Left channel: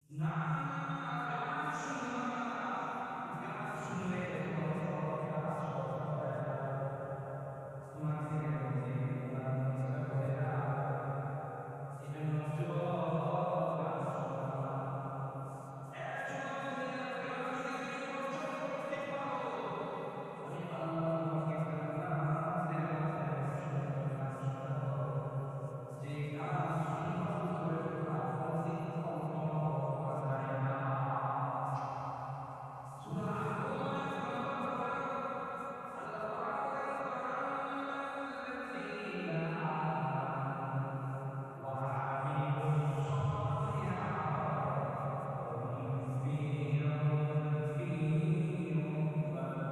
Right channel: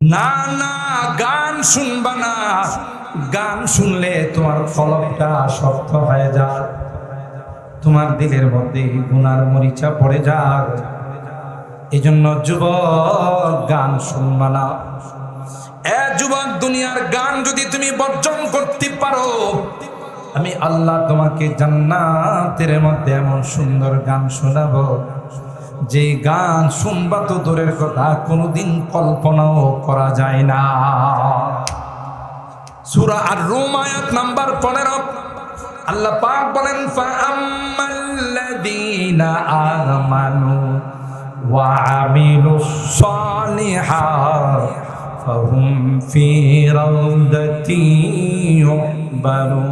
না না, গান শুনবা না। গান শুনলে তোমার কলবটা শক্ত হয়ে যায়, তোমার দিলের মধ্যে গুনার মরিচা পড়ে যায়। এই জন্য যুবক, গান শুনবা না। যুবক, দুনিয়ার গান যদি তুমি বর্জন করতে পারো, আমি আল্লাহ তোমাকে জান্নাতের মধ্যে এমন সুন্দর গান শোনাবো, যে গান শুনবা তো দূরের কথা, কোনোদিন কল্পনাও করা যায় না। সূরা আর-রুম আয়াত নাম্বার 15, আল্লাহ পাক বলেন, ফাআম্মাল্লাযীনা আমানু ওয়া আমিলুস সালিহাত ফাহুম ফি রাউদাতি ইউহবারুন।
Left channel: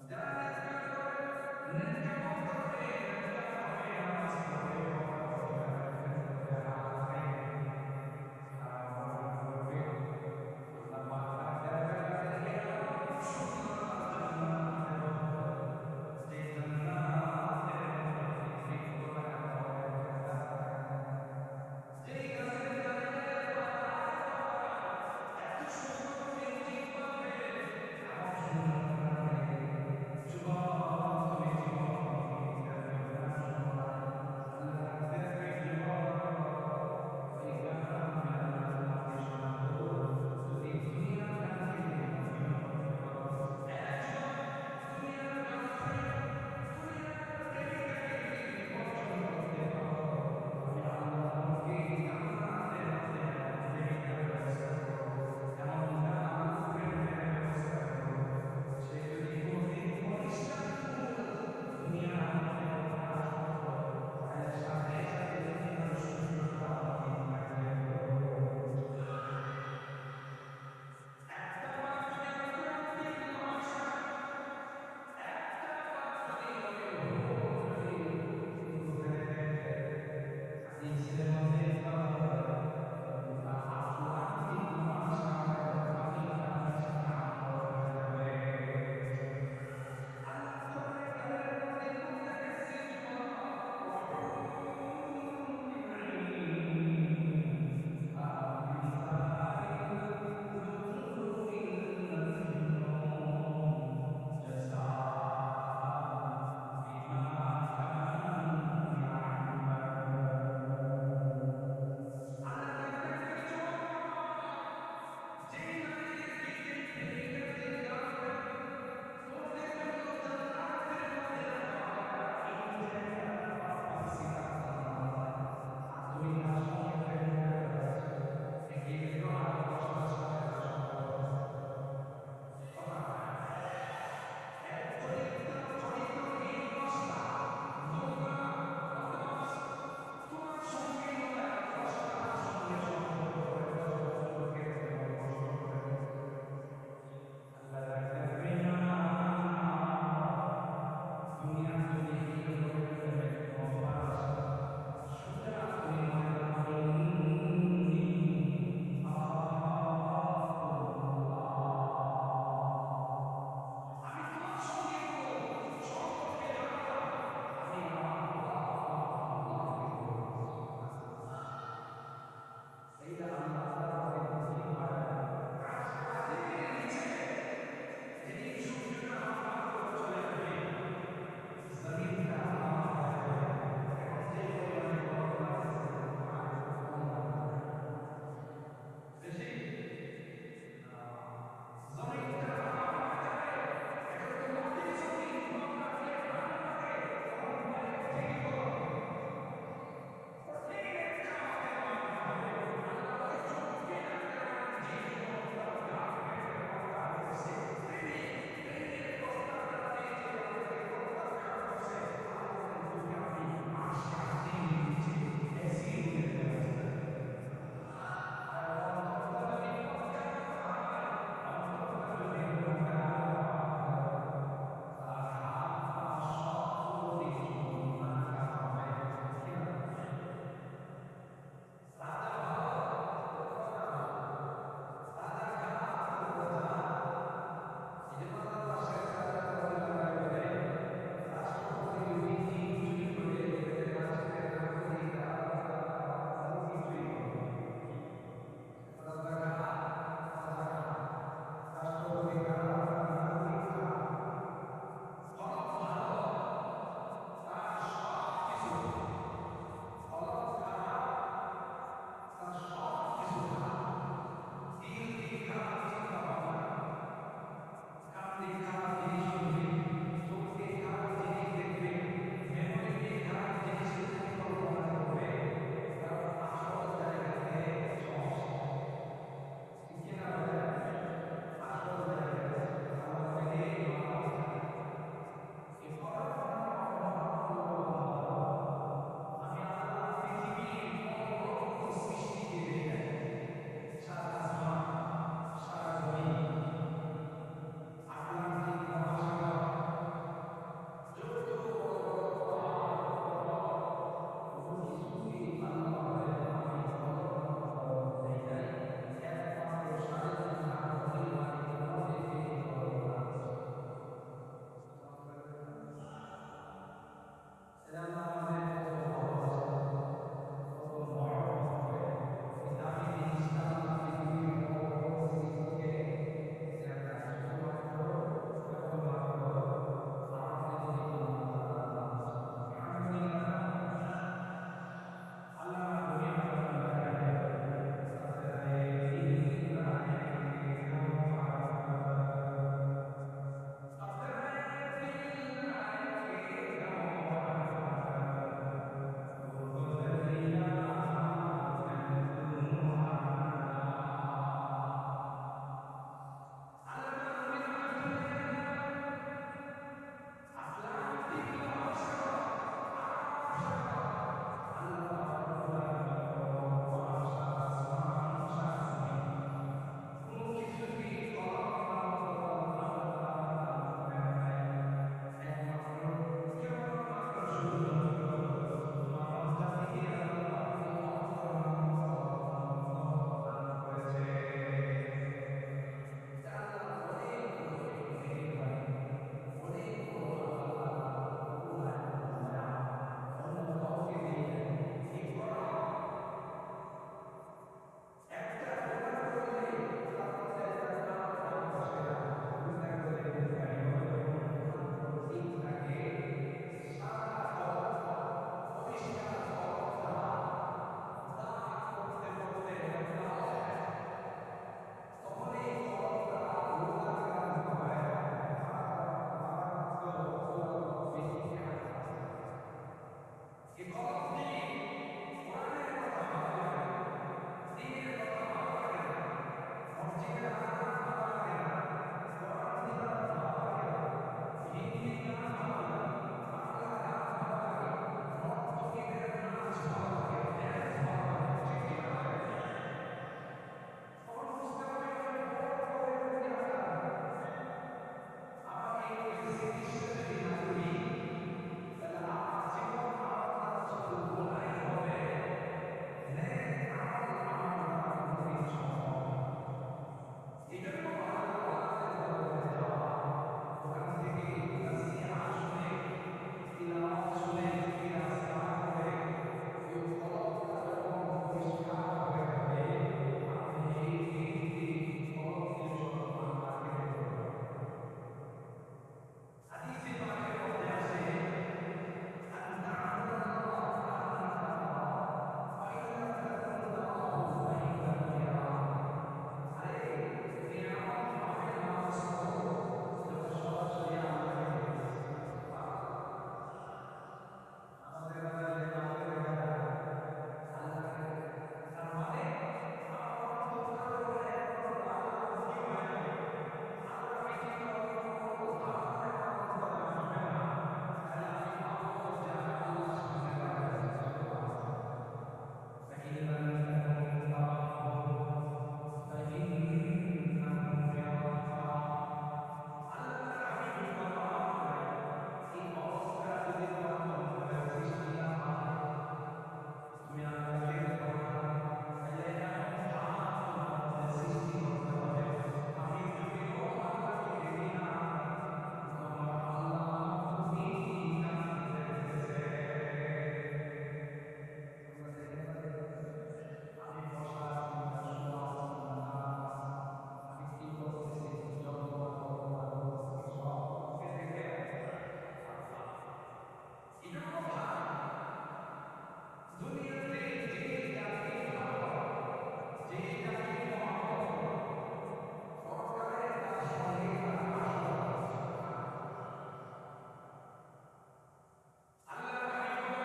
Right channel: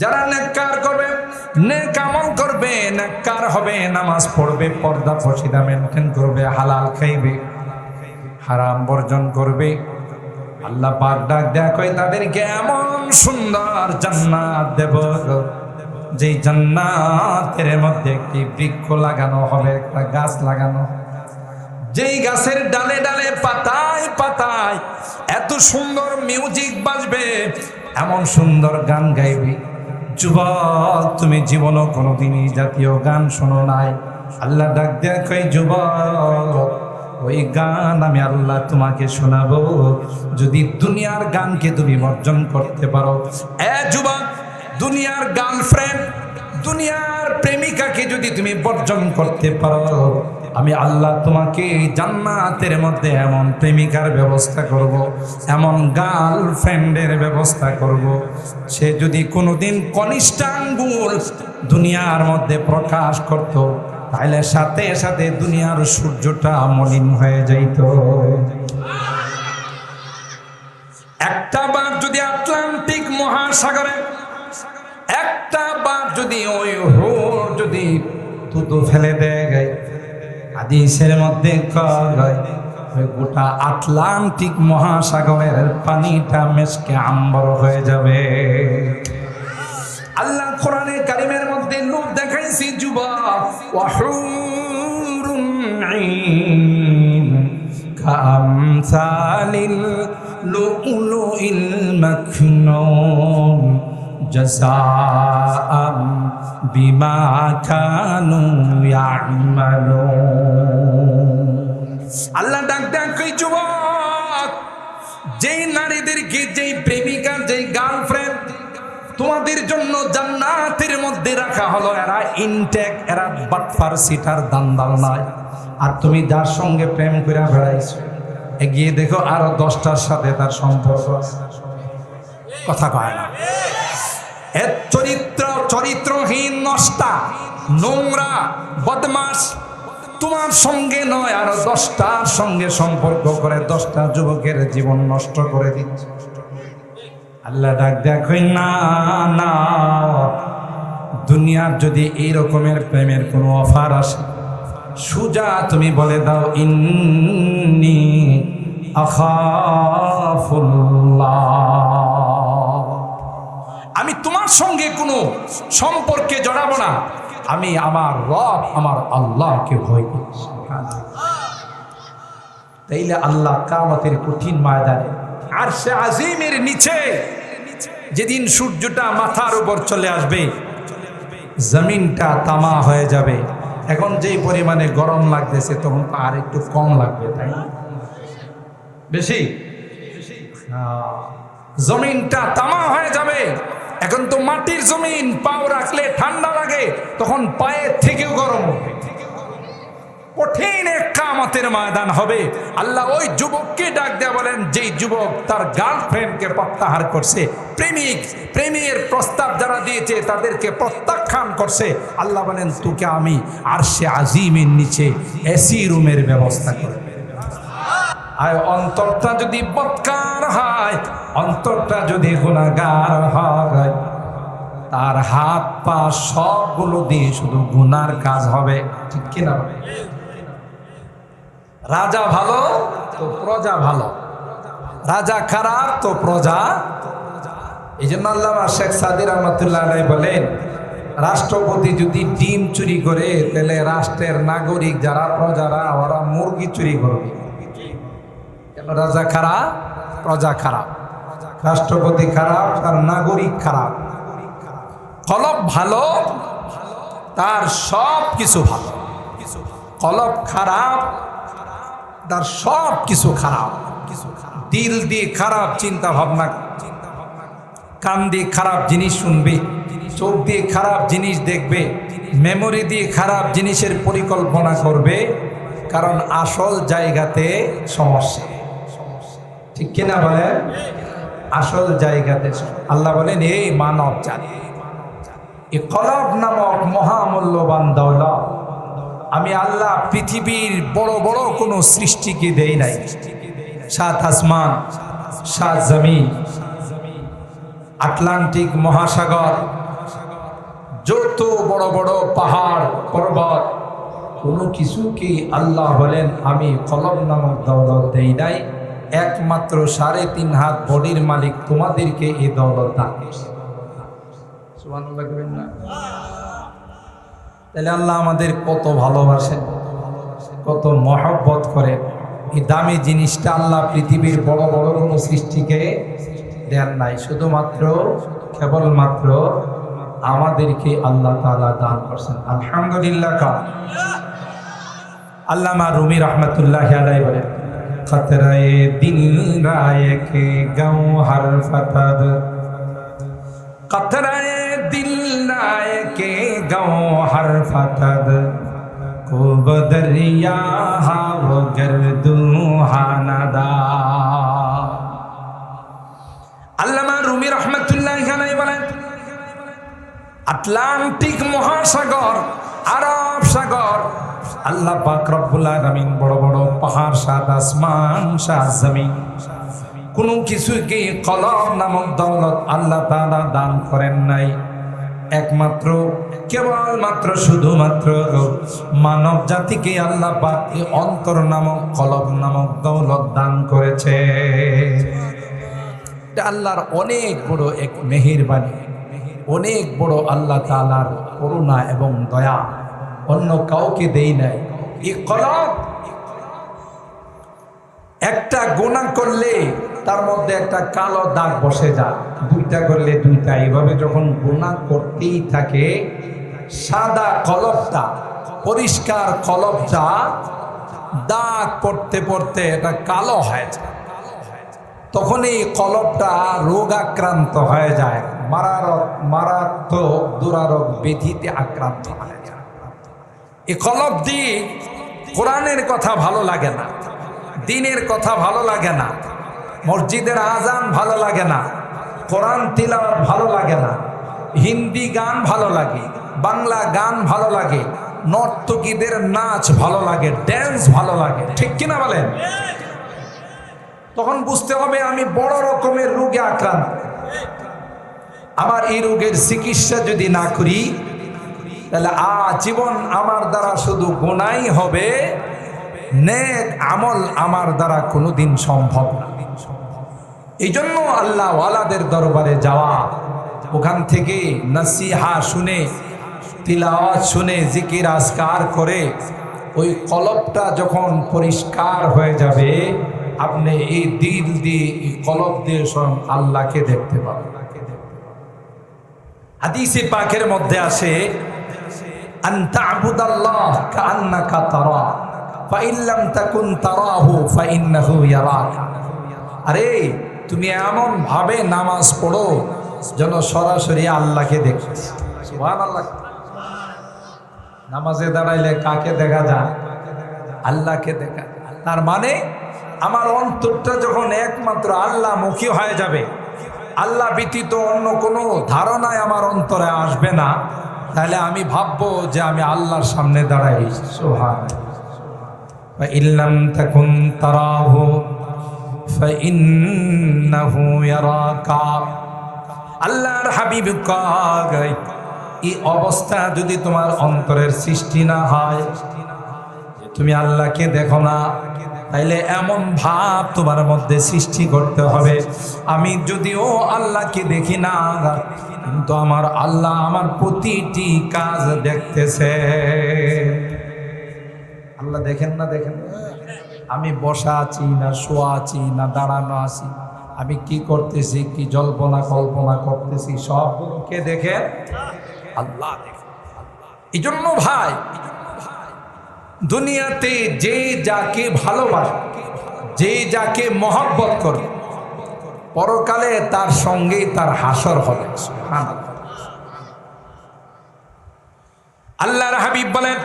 যারা নেককার করবে, নেক আমল করবে, নেককার হবে, নামাজ পড়বে, পর্দা পর্দা মেনটেন করবে, হালাল খাইবে, হারাম বর্জন করবে, আল্লাহ পাক ডাক দেয়া কয় তাদেরকে এমন সুন্দর জান্নাত দেব, যে জান্নাতের মধ্যে একটি বৃক্ষ লাগানো হবে, একটা গাছ লাগানো, যেই গাছের ডালে ডালে পাতায় পাতায় এত সুন্দর মিউজিক বাজবে, এমন সুন্দর গান গাইবে। যুবক, তুমি জীবনও কোনোদিনই জাতীয় গান শোনো নাই। আল্লাহ ডাক দেয়া কয়, যুবক, ওই গান আমি আল্লাহ তোমাকে শোনাবো, যদি দুনিয়ার গানকে তুমি বর্জন করতে পারো। যুবক, দুনিয়ার গার্লফ্রেন্ড, দুনিয়ার প্রেমিকাকে যদি তুমি বর্জন করতে পারো, আমি আল্লাহ তোমাকে জান্নাতের মধ্যে এমন প্রেমিকার ব্যবস্থা করব, এমন গার্লফ্রেন্ডের ব্যবস্থা করব, সে যদি কোনোদিন কনিষ্ঠ আঙ্গুল দুনিয়ার মধ্যে প্রকাশ করত, তাহলে সাথে সাথে দুনিয়ার সূর্যটা মলিন হয়ে যাইত। একটা বার যদি আটলান্টিক মহাসাগরে, একটা বার যদি ওই হোর যদি থুতু ফেলে দেয়, হাদিসের মধ্যে কয় গোটা আটলান্টিক মহাসাগরের পানিটা মেশকে আম্বর হয়ে যাবে। আল্লাহ কোরআনে কারিমের মধ্যে লোক দেখাইছি, যুবক, ওয়াহুরুন আইন কামসালিল লুউলুইল মাকনুন জাযাআম বিমা কানু ইয়ামালুন। আল্লাহ ডাক ডাক কই, যুবক, যেই নারীদেরকে, যেই প্রেমিকা, যেই গার্লফ্রেন্ড তোমাদের জন্য জান্নাতের মধ্যে রাখা হলো, এরা ইনটেক, এরা বাটফার, সিটার, দান্দাল নয়। আর তুমি যার সঙ্গে প্রেম করে বেড়াইছো, এগিয়ে দেখো আরো 10টার সাথে তার সম্পর্ক আছে। কথা কয় না? এর চরিত্রহীন, নষ্টা, নোংরা, বদমাস তোমার সঙ্গে নয়, আরো 10টার সঙ্গে সম্পর্ক করে 10টা যুবকের জীবন নষ্ট করে দিচ্ছে। আল্লাহ ডাক দেখো, না না, দুনিয়ার যদি এই রকমের প্রেমের কোনো অফার আসে, সুজা তুমি বলে দাও, ইন্নী আখাফুল্লাহ, আমি তোমার সঙ্গে কোনো সম্পর্কে জড়াবো না, আমি আমার রব, আমার আল্লাহকে ভয় করছি। তাইলে আল্লাহ কিয়ামতের কঠিন ময়দানে আরশে আজিমের নিচে যেদিন সূর্যটা মাথার উপর চলে আসবে, জমিনটা তামা হয়ে যাবে। এখন যেই পরিমাণে গরম লাগতেছে, তখন আর একটু কম লাগবে, তাই বেশি, জমিনটা তামা হয়ে যাবে। এখন তো মাটির জমিন, পাও রাখলে ঠান্ডা লাগে, তখন পায়ের থেকেও গরম হবে। কঠিন এক কিয়ামতের ময়দান হবে। আল্লাহ ওই যুবককে ডাক দেয়া বলেন, যেই যুবক তার গার্লফ্রেন্ডকে প্রত্যাহার করছে, প্রেমের প্রস্তাব যারা দিয়েছে তাদেরকে প্রত্যাখ্যান করছে, আল্লাহ বলেন, তোকে আমি আরশে আজিমের নিচে এসি রুমের ব্যবস্থা করব। আর অন্তরটা যদি বদকার হয়, অন্তরটা যদি গুনাহগার হয়, তার হাত পা সবগুলো দিয়ে শুধু গুনার কাজ হবে। ঠিক কিনা? রাজা ভালো তো প্রজা ভালো, রাজা খারাপ তো প্রজা। এই জন্য আল্লামা শেখ সাদি রহমতুল্লাহ আলাইহি বলেন, রাষ্ট্রপতি যদি ডিম চুরি করে, তাহলে রাষ্ট্রের নাগরিক যারা, প্রজারা, ওরা মুরগি চুরি করবে। রাজা খারাপ, প্রজা খারাপ, রাষ্ট্রপতি খারাপ, আর নাগরিক খারাপ। কলব ভালো, তার সব কিছু ভালো। কলব খারাপ, তার সব কিছু খারাপ। দিল দিয়ে খারাপ চিন্তা ভাবনা, কান দিয়ে খারাপ জিনিস শুনবে, চোখ দিয়ে খারাপ জিনিস দেখবে, মেমোরি দিয়ে খারাপ জিনিসের পরিকল্পনা করবে, কারণ আসল জায়গাতে সমস্যা। ঠিক কিনা বলে? আসল জায়গাতে আল্লাহ বলেন, এই মানব জাতি, এই কলব নামক মহামূল্যবান দৌলত আমি আল্লাহ পৃথিবীর বড় বড় কোনো সৃষ্টিকে দেই নাই। 7 আসমান, 7 জমিন, আটলান্টিক মহাসাগর, যত বড় বড় পাহাড় পর্বত, কোনো কিছুকে আল্লাহ বলেন আমি কলব নামক দৌলত দেই নাই। একমাত্র 3.5 হাত বডির মালিক তোমাদেরকে এই দৌলত দান করেছে। সুবহানাল্লাহ বলেন না? তাহলে আল্লাহ আমাদের কত ভালোবাসেন, কত মহব্বত করেন। এই দামি জিনিসটা আল্লাহ পৃথিবীর বড় বড় কোনো সৃষ্টিকে দেন নাই, শুধুমাত্র কেবলমাত্র আমাদেরকে আল্লাহ তাআলা দান করছেন। আলহামদুলিল্লাহ। আল্লামা রুমি রহমতুল্লাহ আলাইহি বলেন, খতরায়ে দিল রায়ক গওহর ফতদ, কতরায়ে দিল রায়ক গওহর ফতদ, কো বদরিয়া হাও গর্দু হানাদা। আল্লামা রুমি রহমতুল্লাহ আলাইহি বলেন, আটলান্টিক মহাসাগর, আরব সাগর, আল্লাহ পাক রব্বুল আলামিন বড় বড় পাহাড়, 7 আসমান, 7 জমিন, কোন কিছুকে কলব নামক দৌলত আল্লাহ তাআলা দান করেন নাই। একমাত্র কেবলমাত্র শুধুমাত্র মানব জাতিকে আল্লাহ পাক অন্তর নামক কলব নামক দৌলত দান করেছে। এটা আল্লাহর অনেক বড় এক মেহেরবানি, অনেক বড় আল্লাহ তাআলার করুণা এবং দয়া, অন্য কাউকে দেই নাই। এই কলব একটা গুনাহ করলে তার মধ্যে একটা কালো দাগ বসে যায়, 2টা করলে 2টা, এইভাবে যখন গুনাহ করতেই থাকে, সাদা কলবটা, পরিষ্কার কলবটা দাগ পড়তে পড়তে এটা কালো হয়ে যায়। তখন এই কলবটা রোগাক্রান্ত হয়ে যায়, মারাত্মক দুরারোগ ব্যাধিতে আক্রান্ত হয়ে যায়। এই কলব দিয়ে কোরআনের কথা ভালো লাগে না, দ্বীনের কথা ভালো লাগে না, মসজিদের আজান ভালো লাগে না, কোরআন তিলাওয়াত ভালো লাগে না, হিন্দি গান ভালো লাগে, বাংলা গান ভালো লাগে, নর্তকীদের নাচ ভালো লাগে, ড্যান্স ভালো লাগে। ঠিক কিনা বলেন? তখন বুঝতে হবে আমি বড় রকমের রোগে আক্রান্ত। আমার এই রোগের চিকিৎসা যদি না করি, তাহলে আজীবন আমার দ্বারা শুধু গুনাই হবে, নেক আমল আমার দ্বারা কোনোদিন সম্ভব না। এই জন্য আল্লাহ ওয়ালাদের দরবারে যাওয়া, ওখান থেকে নসিহা শুনে, তিলাওয়াত শুনে, জিকির আজকার করে ওই কলবটা যখন পরিষ্কার হয়ে যাবে, আপনি এই দিল দিয়ে, এই কলব দিয়ে স্বয়ং আল্লাহকে দেখতে পাবেন। হাদিসে পাকের মধ্যে আসে, আন তা'বুদাল্লাহ কাআন্নাকা তারা ফা ইন লাম তাকুন তারাহু ফা ইন্নাহু ইয়ারাক। আরে তুমি এমন ভাবে নামাজ পড়ো যেন সরাসরি আল্লাহকে দেখো। সুবহানাল্লাহ। নামাজে দাঁড়াইলে কাকে দেখা যায়? আল্লাহকে দেখা। তার মানে আমার অন্তরটা যখন একমাত্র আল্লাহমুখী হয়ে যাবে, আল্লাহ ব্যতীত অন্য কোনো ধারণায় আমার অন্তরে আসবে না, তাহলে আমি ভাববো যে আমি আল্লাহর সামনে দাঁড়াই। সুবহানাল্লাহ। ফা ইল্লাম তাকুন তারাহু ফা ইন্নাহু ইয়ারাকা। আল্লাহর হাবিব কয়, এই অবস্থা যদি তোমার অন্তরের সৃষ্টি না হয়, তুমি আল্লাহকে দেখো না, তাইলে এমন ভাব তোমার মধ্যে সৃষ্টি করতে হবে, আমি যদিও আল্লাহকে দেখি না, কিন্তু আমার আল্লাহ আমার প্রতিটি কাজ দেখতেছে। আল্লাহ দেখেন না? দেখেন। আমি বসা আছি না শোয়া আছি না দাঁড়ানো আছি, আমি কি করতেছি, কি জল্পনা কল্পনা করতেছি, সব কে দেখে? আল্লাহ দেখে। এই জন্য ভাই, দুনিয়াতে যে যাকে ভালোবাসে, যে যাকে মহব্বত করে, পরকালে তার সঙ্গে তার হাসর হবে। সুবহানাল্লাহ। আল্লাহর হাবিব বলেন,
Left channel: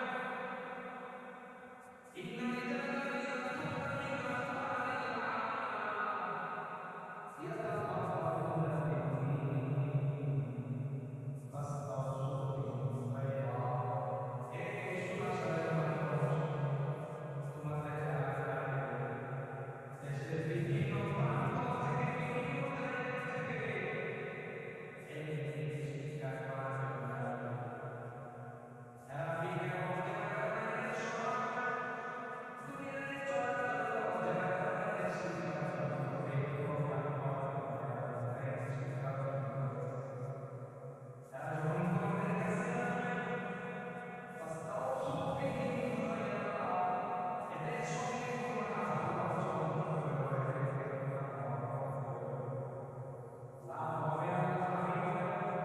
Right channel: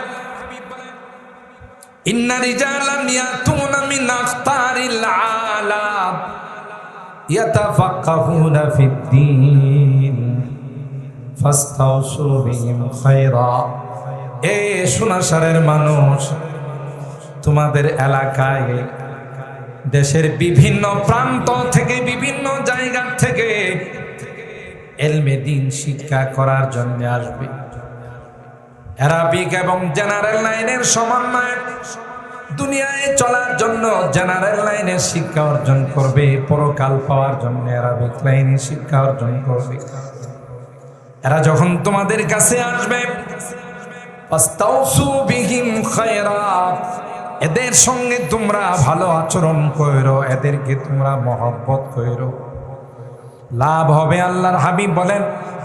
ইন্না রিজালান ইয়াতুনা মিন আখতারিল আলাম ইয়াতাফাক্কাহুনা ফিদ-দীন ফাস্তাউসু বিহিম খায়রা। এ সুনাসারের মানুষ, তোমাদের এলাকায় দেশের বিভিন্ন প্রান্ত থেকে, বিভিন্ন জায়গা থেকে ইলমে দ্বীন শিক্ষা করার জন্য আসবে। অ্যারাবিক এবং জেনারেল লাইনের সমন্বয়ে দুনিয়ায় চলার জন্য জেনারেল লাইনের শিক্ষা অর্জন করবে, পরকাল পাওয়ার জন্য অ্যারাবিক লাইনের শিক্ষা অর্জন করবে। এরা যখন তোমাদের কাছে আসবে, ফাস্তাউসু বিহিম খায়রা, এদের সঙ্গে তোমরা ভালো আচরণ করো, এদেরকে তোমরা মহব্বত করো। লাভ হবে। আল্লাহর হাবিব বলেন,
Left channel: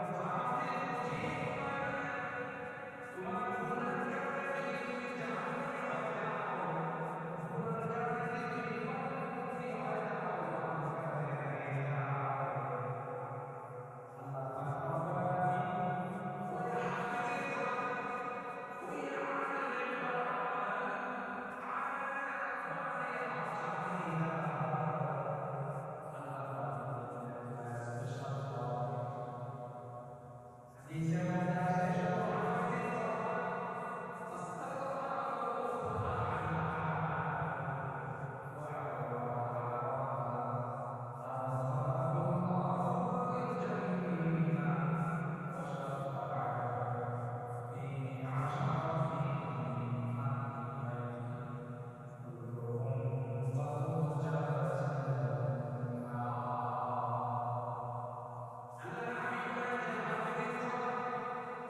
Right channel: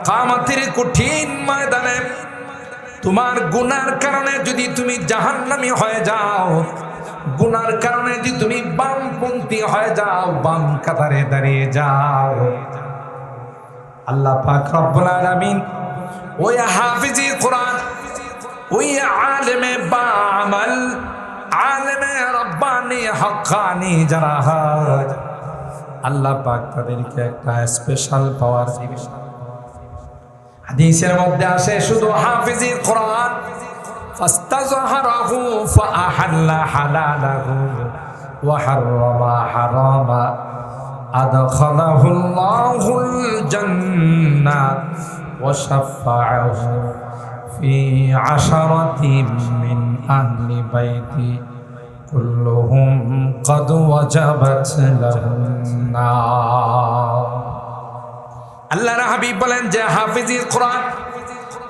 কিয়ামতের কঠিন ময়দানে তোমার গুনার কারণে যদি তুমি জাহান্নামী হয়ে যাও, গুনার কারণে যদি তুমি বামপন্থী হয়ে যাও, বাম কাতারে দাঁড়িয়ে যাও, আল্লাহ পাক রব্বুল আলামিন ওই হাফিজি কোরআন, ওই আলেমে বামাল, আলেমে রব্বানি হক্কানি যারা হয়, আল্লাহ পাক তাদেরকে একটা স্পেশাল পাওয়ার দিবে। হাদিসের মধ্যে আসে, শুধু হাফিজি কোরআন, ফাস্তাযহারাহু ফাআহাল্লা হালালাহু ওয়া হাররামা হারামা আদখালাহুল্লাহুল জান্নাহ ওয়া শাফাআহু ফি আশারাতিন মিন আহলি বাইতি কুল্লুহুম ক্বাদ ওয়াজাবাত লাহুন নার। আল্লাহর হাবিব বলেন যে হাফিজি কোরআন,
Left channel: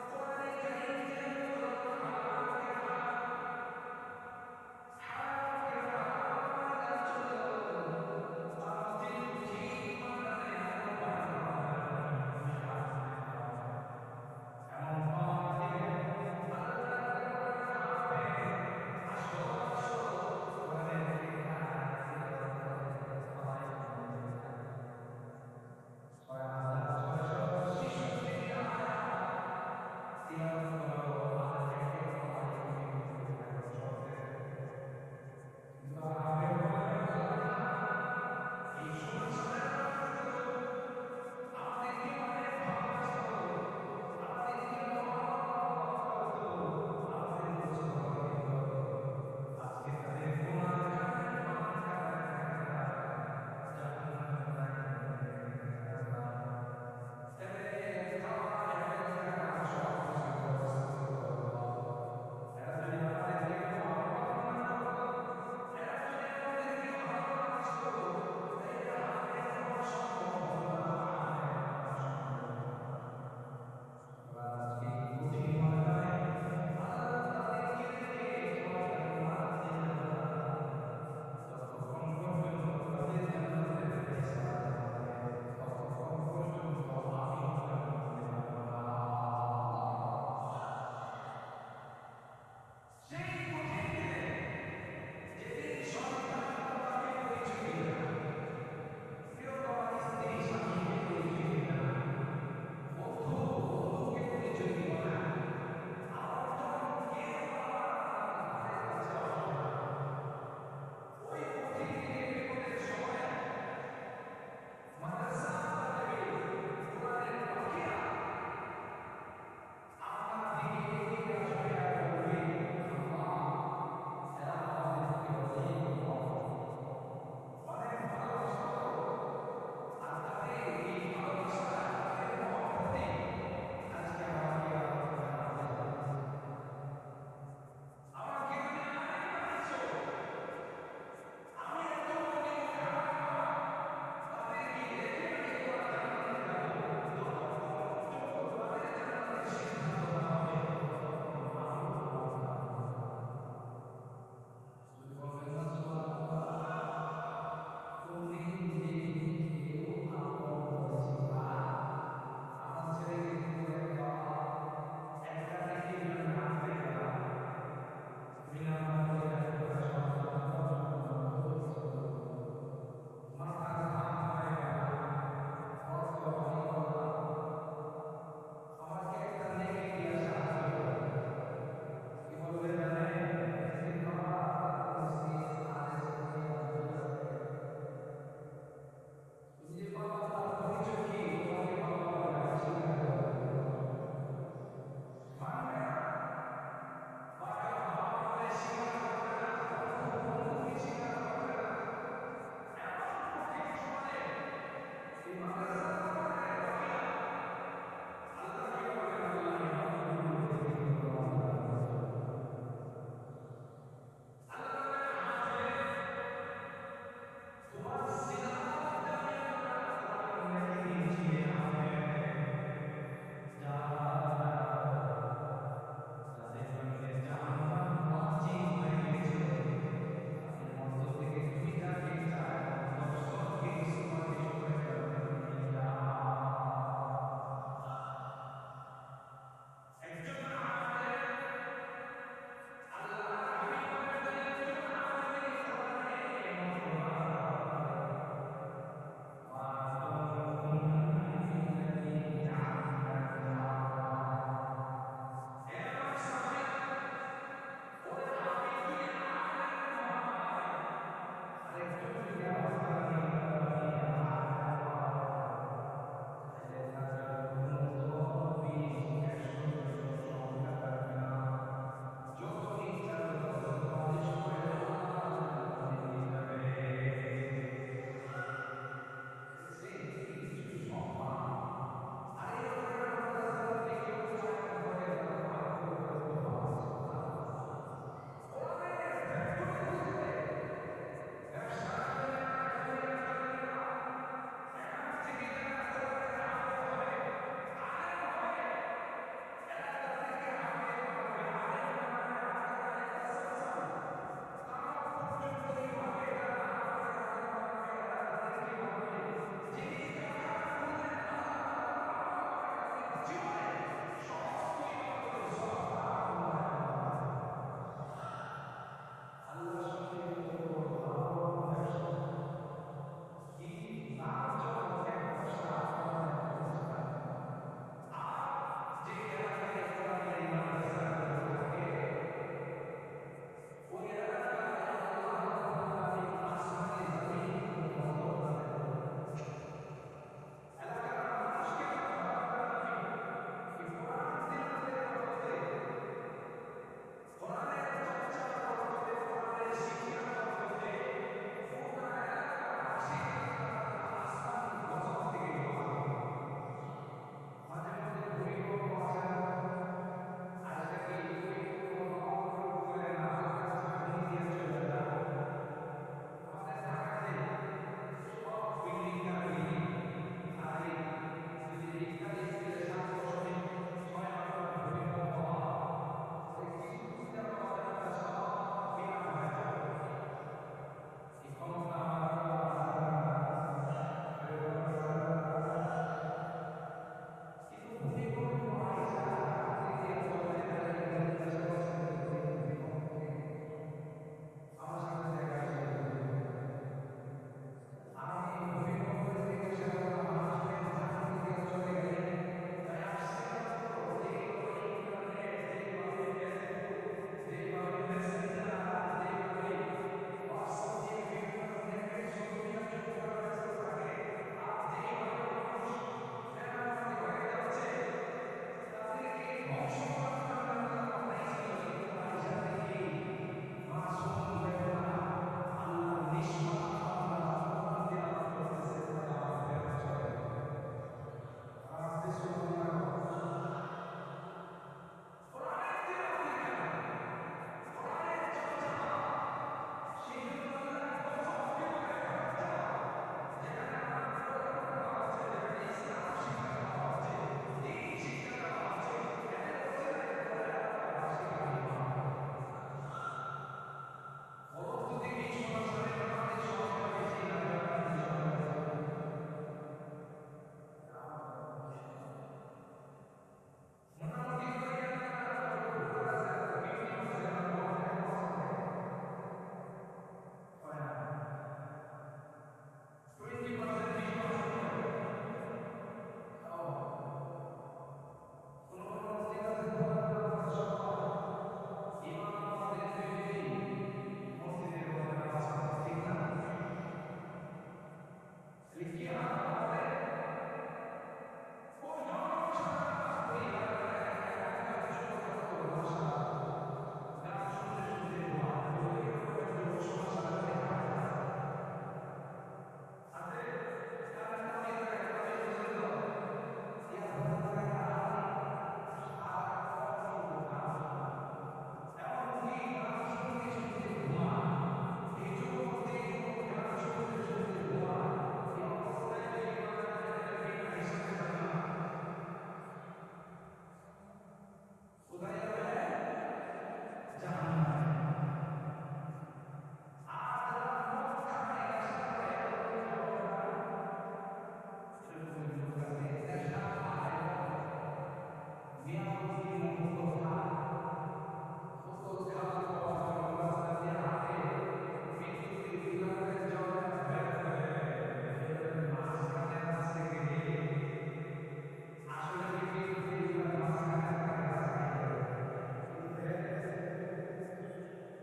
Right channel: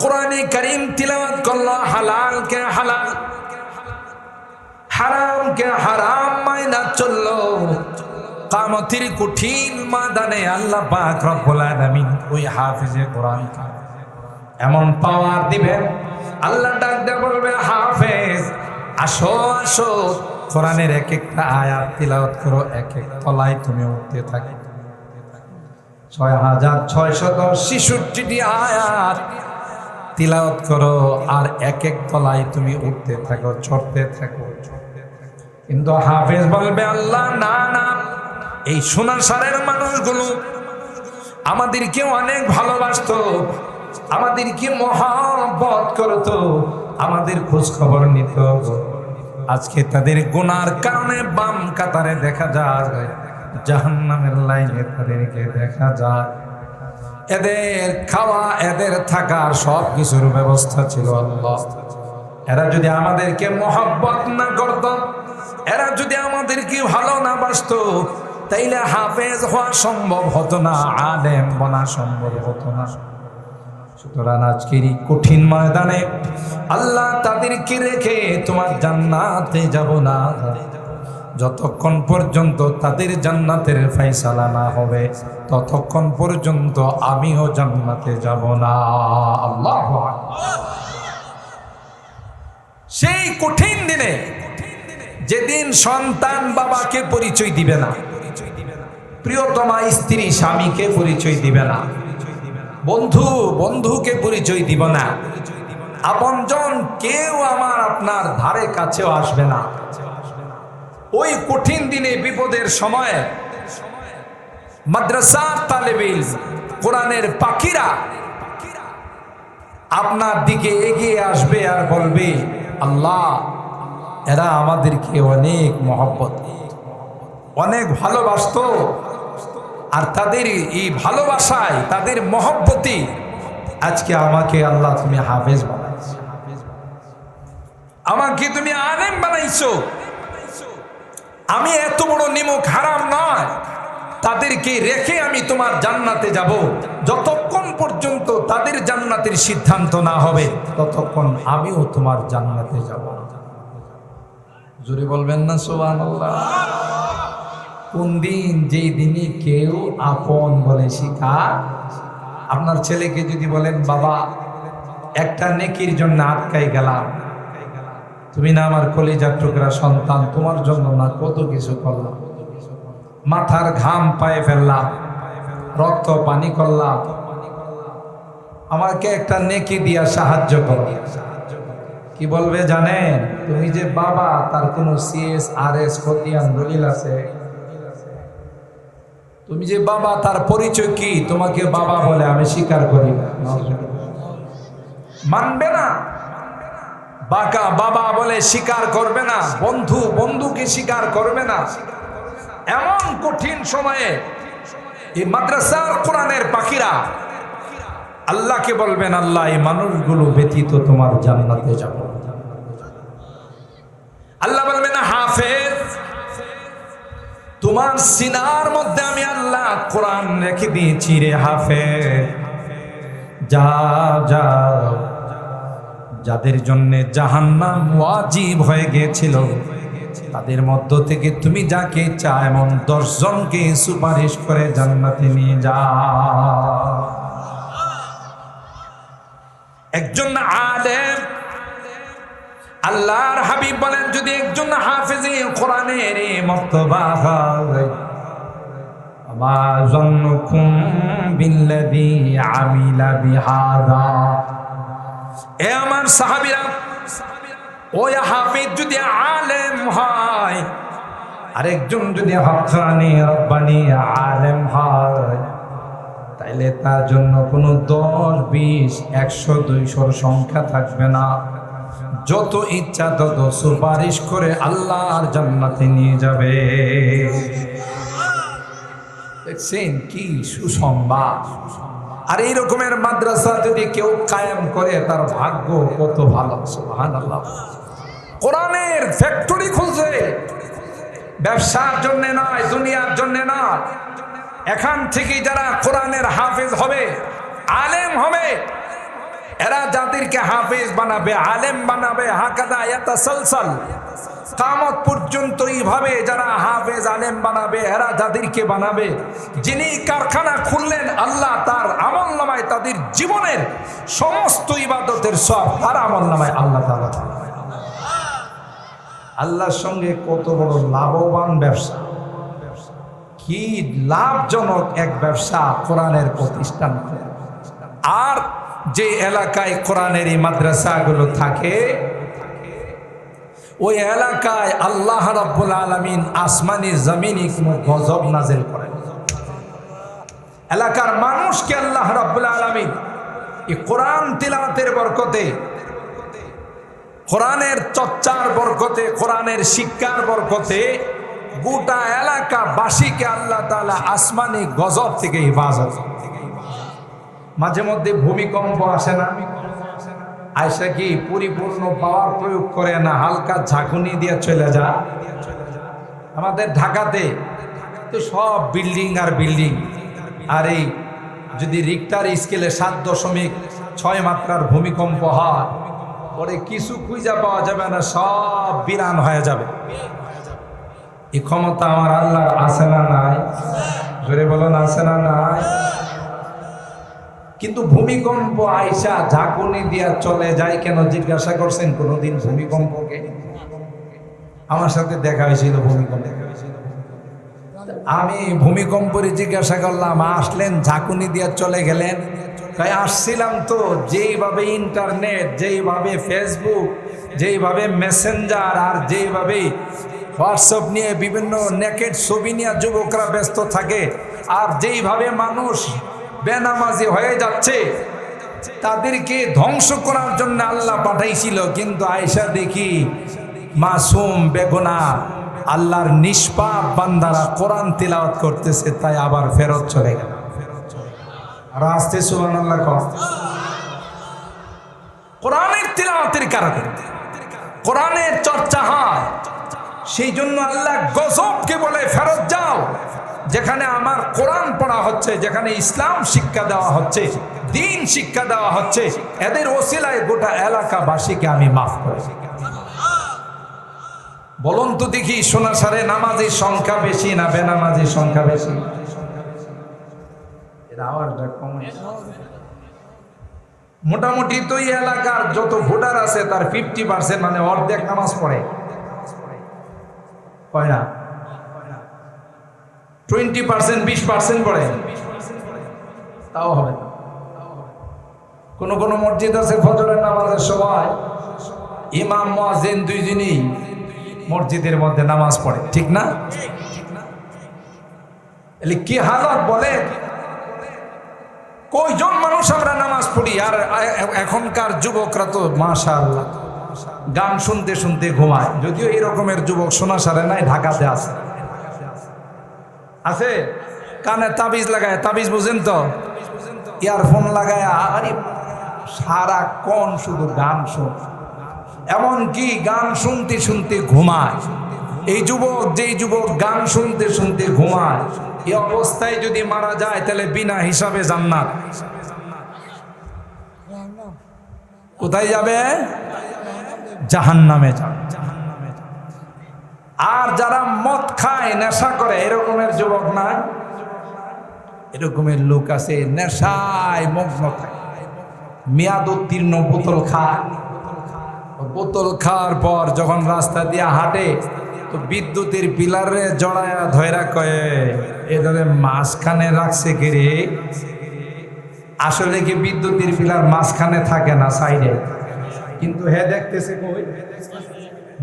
কোরআনে কারীম তিলাওয়াত করলো, হালালকে হালাল, হারামকে হারাম মাইনা চললো, কিয়ামতের কঠিন ময়দানে আল্লাহ পাক রব্বুল আলামিন ওই হাফিজে কোরআনকে এমন পাওয়ার দিবেন, আল্লাহ ডাক দিয়ে বলবে, হাফেজ আসো আসো, কোরআনের এক একটা আয়াত তিলাওয়াত করো, এক এক তলায় তুমি উঠতে থাকো। 6666টি আয়াত তিলাওয়াত করো, আর এক এক তলায় তুমি উঠতে থাকো, চড়তে থাকো। কিন্তু হাফেজ বলবে, আল্লাহ না না, এই সোনাসারের মানুষগুলো আমাদেরকে অনেক ভালোবাসতো, আমাদেরকে মহব্বত করতো, আমাদের খোঁজ খবর নিত, আজকে তাদের গুনার কারণে বাম কাতারে দেখা যায়, জাহান্নামের লাইনে তাদেরকে দেখা যায়। এদের খাওয়া, এদের থাকার সব কিছুর ব্যবস্থা ছিল আল্লাহ। এরা যদি আমাদেরকে মহব্বত না করত, এরা যদি আমাদেরকে ভালো না বাসতো, তাইলে হাফেজ হওয়া সম্ভব হতো না, আলেম বনা সম্ভব হতো না। সুতরাং আজকের এই কঠিন ময়দানে আল্লাহ তাদেরকে রেখে তোমার জান্নাতে যাব না, যতক্ষণ পর্যন্ত তাদের জান্নাতের ফয়সালা না হবে, ততক্ষণ পর্যন্ত আমিও জান্নাতে যাব না। আল্লাহু আকবার। সেই কঠিন দিনে, যেদিন সন্তান বাবাকে পরিচয় দিবে না, প্রিয়তমা স্ত্রী স্বামীকে পরিচয় দিবে না, বন্ধু বন্ধুকে পরিচয় দিব না, আপনজন কেউ আমার আপনার ধারে কাছেও আসবে না। ওই কঠিন দিনে, বিপদের সময় মাদ্রাসার তালেবে ইলম, কোরআনের পাখিরা আপনার দিকে এগিয়ে আসবে আর বলবে, আল্লাহ এরা আমাদেরকে অনেক মহব্বত, অনেক ভালোবাসতো, আর তাদের এই ভালোবাসায়, তাদের মহব্বতে আজকে আমাকে আল্লাহ তুমি হাফেজ বানাইছো, আমাকে তুমি আলেম বানাইছো। আমি এত বড় নিমক হারাম নয়, তাদেরকে রেখে আমি তোমার জান্নাতে যাব। যতক্ষণ পর্যন্ত তাদের জান্নাতের সিদ্ধান্ত না হবে, ততক্ষণ আমিও তোমার জান্নাতে যাব। জোরে বলবেন না সুবহানাল্লাহ। কোন দিন, যেই দিনই কেউ আপন বলে শিখার। আপনার ছেলেকে যদি বলেন বাবা একটা নেকির জন্য আটকাই গেলাম, তুমি না আমার কলিজার টুকরা সন্তান, তোমার জন্য না কত কিছু করলাম, মাথার ঘাম পায়ে ফেললাম, রক্ত পানি করলাম, আমাকে একটা নেকি দিয়া সাহায্য করো। কি বলবে জানেন? তুমি যে বাবা তার কোনো CSRS খতিয়ান দলিল আছে? তুমি যে বাবা তার পরিচয় কি? তোমাকে বাবা বলে আমি স্বীকার করি না। মানবে না। বাকা বাবা বলে স্বীকার করবে না, বন্ধু বন্ধুকে স্বীকার করবে না। এমন কঠিন সময়ে এই মাদ্রাসার কোরআনের পাখিরা আল্লাহকে বলবেন, আল্লাহ এই মানুষগুলো ব্যতীত তোমার জান্নাতে যাব। আল্লাহ বলবেন, হাফেজ তোমার সিনার মধ্যে আমি আল্লাহ কোরআন রেখে দিয়েছি রে হাফেজ, যাও যাও, যাদের জন্য জাহান্নাম ওয়াজিব হয়ে গিয়েছিল তাদের মধ্য থেকে তুমি যাকে চাও এমন 10 জনকে সুপারিশ করে জান্নাতে নিয়ে যাও। একজন আলেম, আল্লাহর হাবিব বলেন, যদি একজন হাফেজে কোরআনের মর্তবা হয়, মা যন্নুকুম বিল্লাযী আমিলা বিহাযা। এ আমার সাহাবীরা, ওই হাফেজ যদি আলেম হয়, আরেকজন যদি হক্কানি রব্বানি আলেম হয়, তাইলে তার জন্য কোনো 10, 20, 100, 200 সংখ্যা থাকবে না। যত ইচ্ছা তত সুপারিশ করে আল্লাহর জান্নাতে নিয়ে যাবে। দেখছেন কি সুসংবাদ! আর এই রকমের মাদ্রাসা যদি কেউ কায়েম করে তার ভাগ্য কত ভালো। সুবহানাল্লাহ। কোরআনের ফ্যাক্টরি খুলছে, ব্যবসার জন্য নয়, দুনিয়ার জন্য নয়। এখান থেকে যারা কোরআনের হাফেজ হবে, আলেম হবে, এরা যাদেরকে হাফেজ বানাবে, আলেম বানাবে, হাকাদা ইয়াতাসালসাল, কিয়ামত পর্যন্ত এইভাবে যারা হাফেজ আলেম বানাবে, এরা যাদেরকে বানাবে, যিনি কারখানা খুললেন আল্লাহ তার আমলনামায় তাদের জীবনের সমস্ত ইবাদতের সব তার আমলনামায় আল্লাহ তাআলা। আল্লাহর সঙ্গে কত বড় লাভবান ব্যবসা, কি লাভজনক এক ব্যবসা কোরআনের প্রতিষ্ঠান। আর যে এলাকায় কোরআনের এই মাদ্রাসাগুলো থাকে, ওই এলাকায় আল্লাহ রাব্বুল আলামিন আসমানি জমিনি কোনো গজব নাযিল করেন। এলাকার মানুষকে আল্লাহ রাব্বুল আলামিন এই কোরআন তিলাওয়াতের বরকতে, কোরআনের চর্চার বরকতে, কোরআনের শিক্ষার বরকতে গোটা এলাকাবাসীকে আল্লাহ তাআলা আসমানি গজব থেকে হেফাজত। মাঝে মধ্যে ভূমিকম্প আসে না, আয়সা কি পরিপূর্ণ পাওয়ার প্রয়োগ করে না, হালকা ঝাঁকুনি দিয়ে চলে যা। আমাদের ঢাকাতে তো সব বিল্ডিং আর বিল্ডিং, আর এই যদি রিক্টার স্কেলে 7.6 মাত্রার ভূমিকম্প হয়, পরে কিছু খুঁজে পাওয়া যাবে না, সব বিরান হয়ে যাবে। এই ক্ষমতা আমার আল্লাহর আছে না নাই? জোরে বলুন, আছে না নাই? কিন্তু ভূমিকম্প আইসা ঝাঁকুনি দিয়া চলে যায় কেন জিজ্ঞাসা করছেন কোনদিন ভূমিকম্পকে? আমার সাথে দেখা হয়েছিল ভূমিকম্প, আমি ভূমিকম্পরে জিজ্ঞাসা করলাম, আসলেন ঝাঁকুনি দিয়া চলে গেলেন? তাই আসছিলাম তো, যেইভাবে ইন্টারনেট, যেইভাবে ফেসবুক, যেইভাবে মেসেঞ্জার, আর যেইভাবে হোয়াটসঅ্যাপ নিয়ে বিভিন্ন নেকেট ছবি নিয়ে যুবকরা ব্যস্ত থাকে, আর যেইভাবে মানুষ বেনামাজি হয়ে যাচ্ছে, তাদেরকে ধ্বংস করার জন্য আল্লাহ পাঠাইছিল। কিন্তু আয়েশা দেখি মাসুম বেগুনাহ আল্লাহর নিষ্পাপ বান্দারা কোরআন তিলাওয়াত করতেছে, তাই আবার ফেরত চলে গেল। রাস্তে সুবহানাল্লাহ কও। কোরআনের তিলাওয়াতের কারণে কোরআনের চর্চা হয়, সেই জন্য আল্লাহ গজবকে বলে ফেরত যাও। যেখানে আমার কোরআন পড়া হচ্ছে, যেখানে ইসলাম শিক্ষা দেওয়া হচ্ছে, দিন শিক্ষা দেওয়া হচ্ছে, এদের ওসিলায় গোটা এলাকাবাসীকে আমি মাফ করি। বলুন তো দেখি সোনাসারে নামাজের সংখ্যা বেশি না বেনামাজির সংখ্যা বেশি? এর আওয়াজটা কম। মোটামুটি তো এই এলাকার যত ভোটার আছে তার 50% মানে অর্ধেক নামাজ পড়ে, হয় না? 20% 20% পড়ে, তাও হবে না। কোন কোন মসজিদ আছে ফজরের নামাজের সময় ইমাম মুয়াজ্জিন দুইজনই মসজিদের মধ্যে নামাজ পড়ে, ঠিক না? এলে কি হালত বলে, কয়জন মানুষ আমরা নামাজ পড়ি? আর এখনকার যুবকরা তো মাশাআল্লাহ গান শুনতে শুনতে ঘুমায়। যদিও এই রকমের যুবক সোনাসারে নাই, ঢাকাতে আছে। আছে কানে তাবিজ লাগায়, তাবিজ বুঝেন তো, ইয়ারফোন লাগায়, আরে সারাক্ষণ শুধু গান শুন, এমনকি গান শুনতে শুনতে ঘুমায়। এই যুবক, যেই যুবক গান শুনতে শুনতে ঘুমায়, এই অবস্থায় যদি মারা যায় তাহলে বিনা হিসাবে জান্নাত। কোথায় যাবে? জাহান্নামে যাবে। আর যারা মদ খায়, নেশা করে, এরকমের যুবক না, এরকমের লোক আছে নেশায় মগ্ন থাকে, মেয়াদ উত্তীর্ণ বোতল খায়। বোতল খাওয়ার পর যখন রাস্তা দিয়ে হাঁটে তো বিদ্যুতের পিলারে জড়ায়া ধৈরা কয়ে এদের মাঝখানে রাখছে কে রে? আসলে কি বিদ্যুতের পিলার মাঝখানে থাকে না, সাইডে, কিন্তু হে দেখতেছে কই?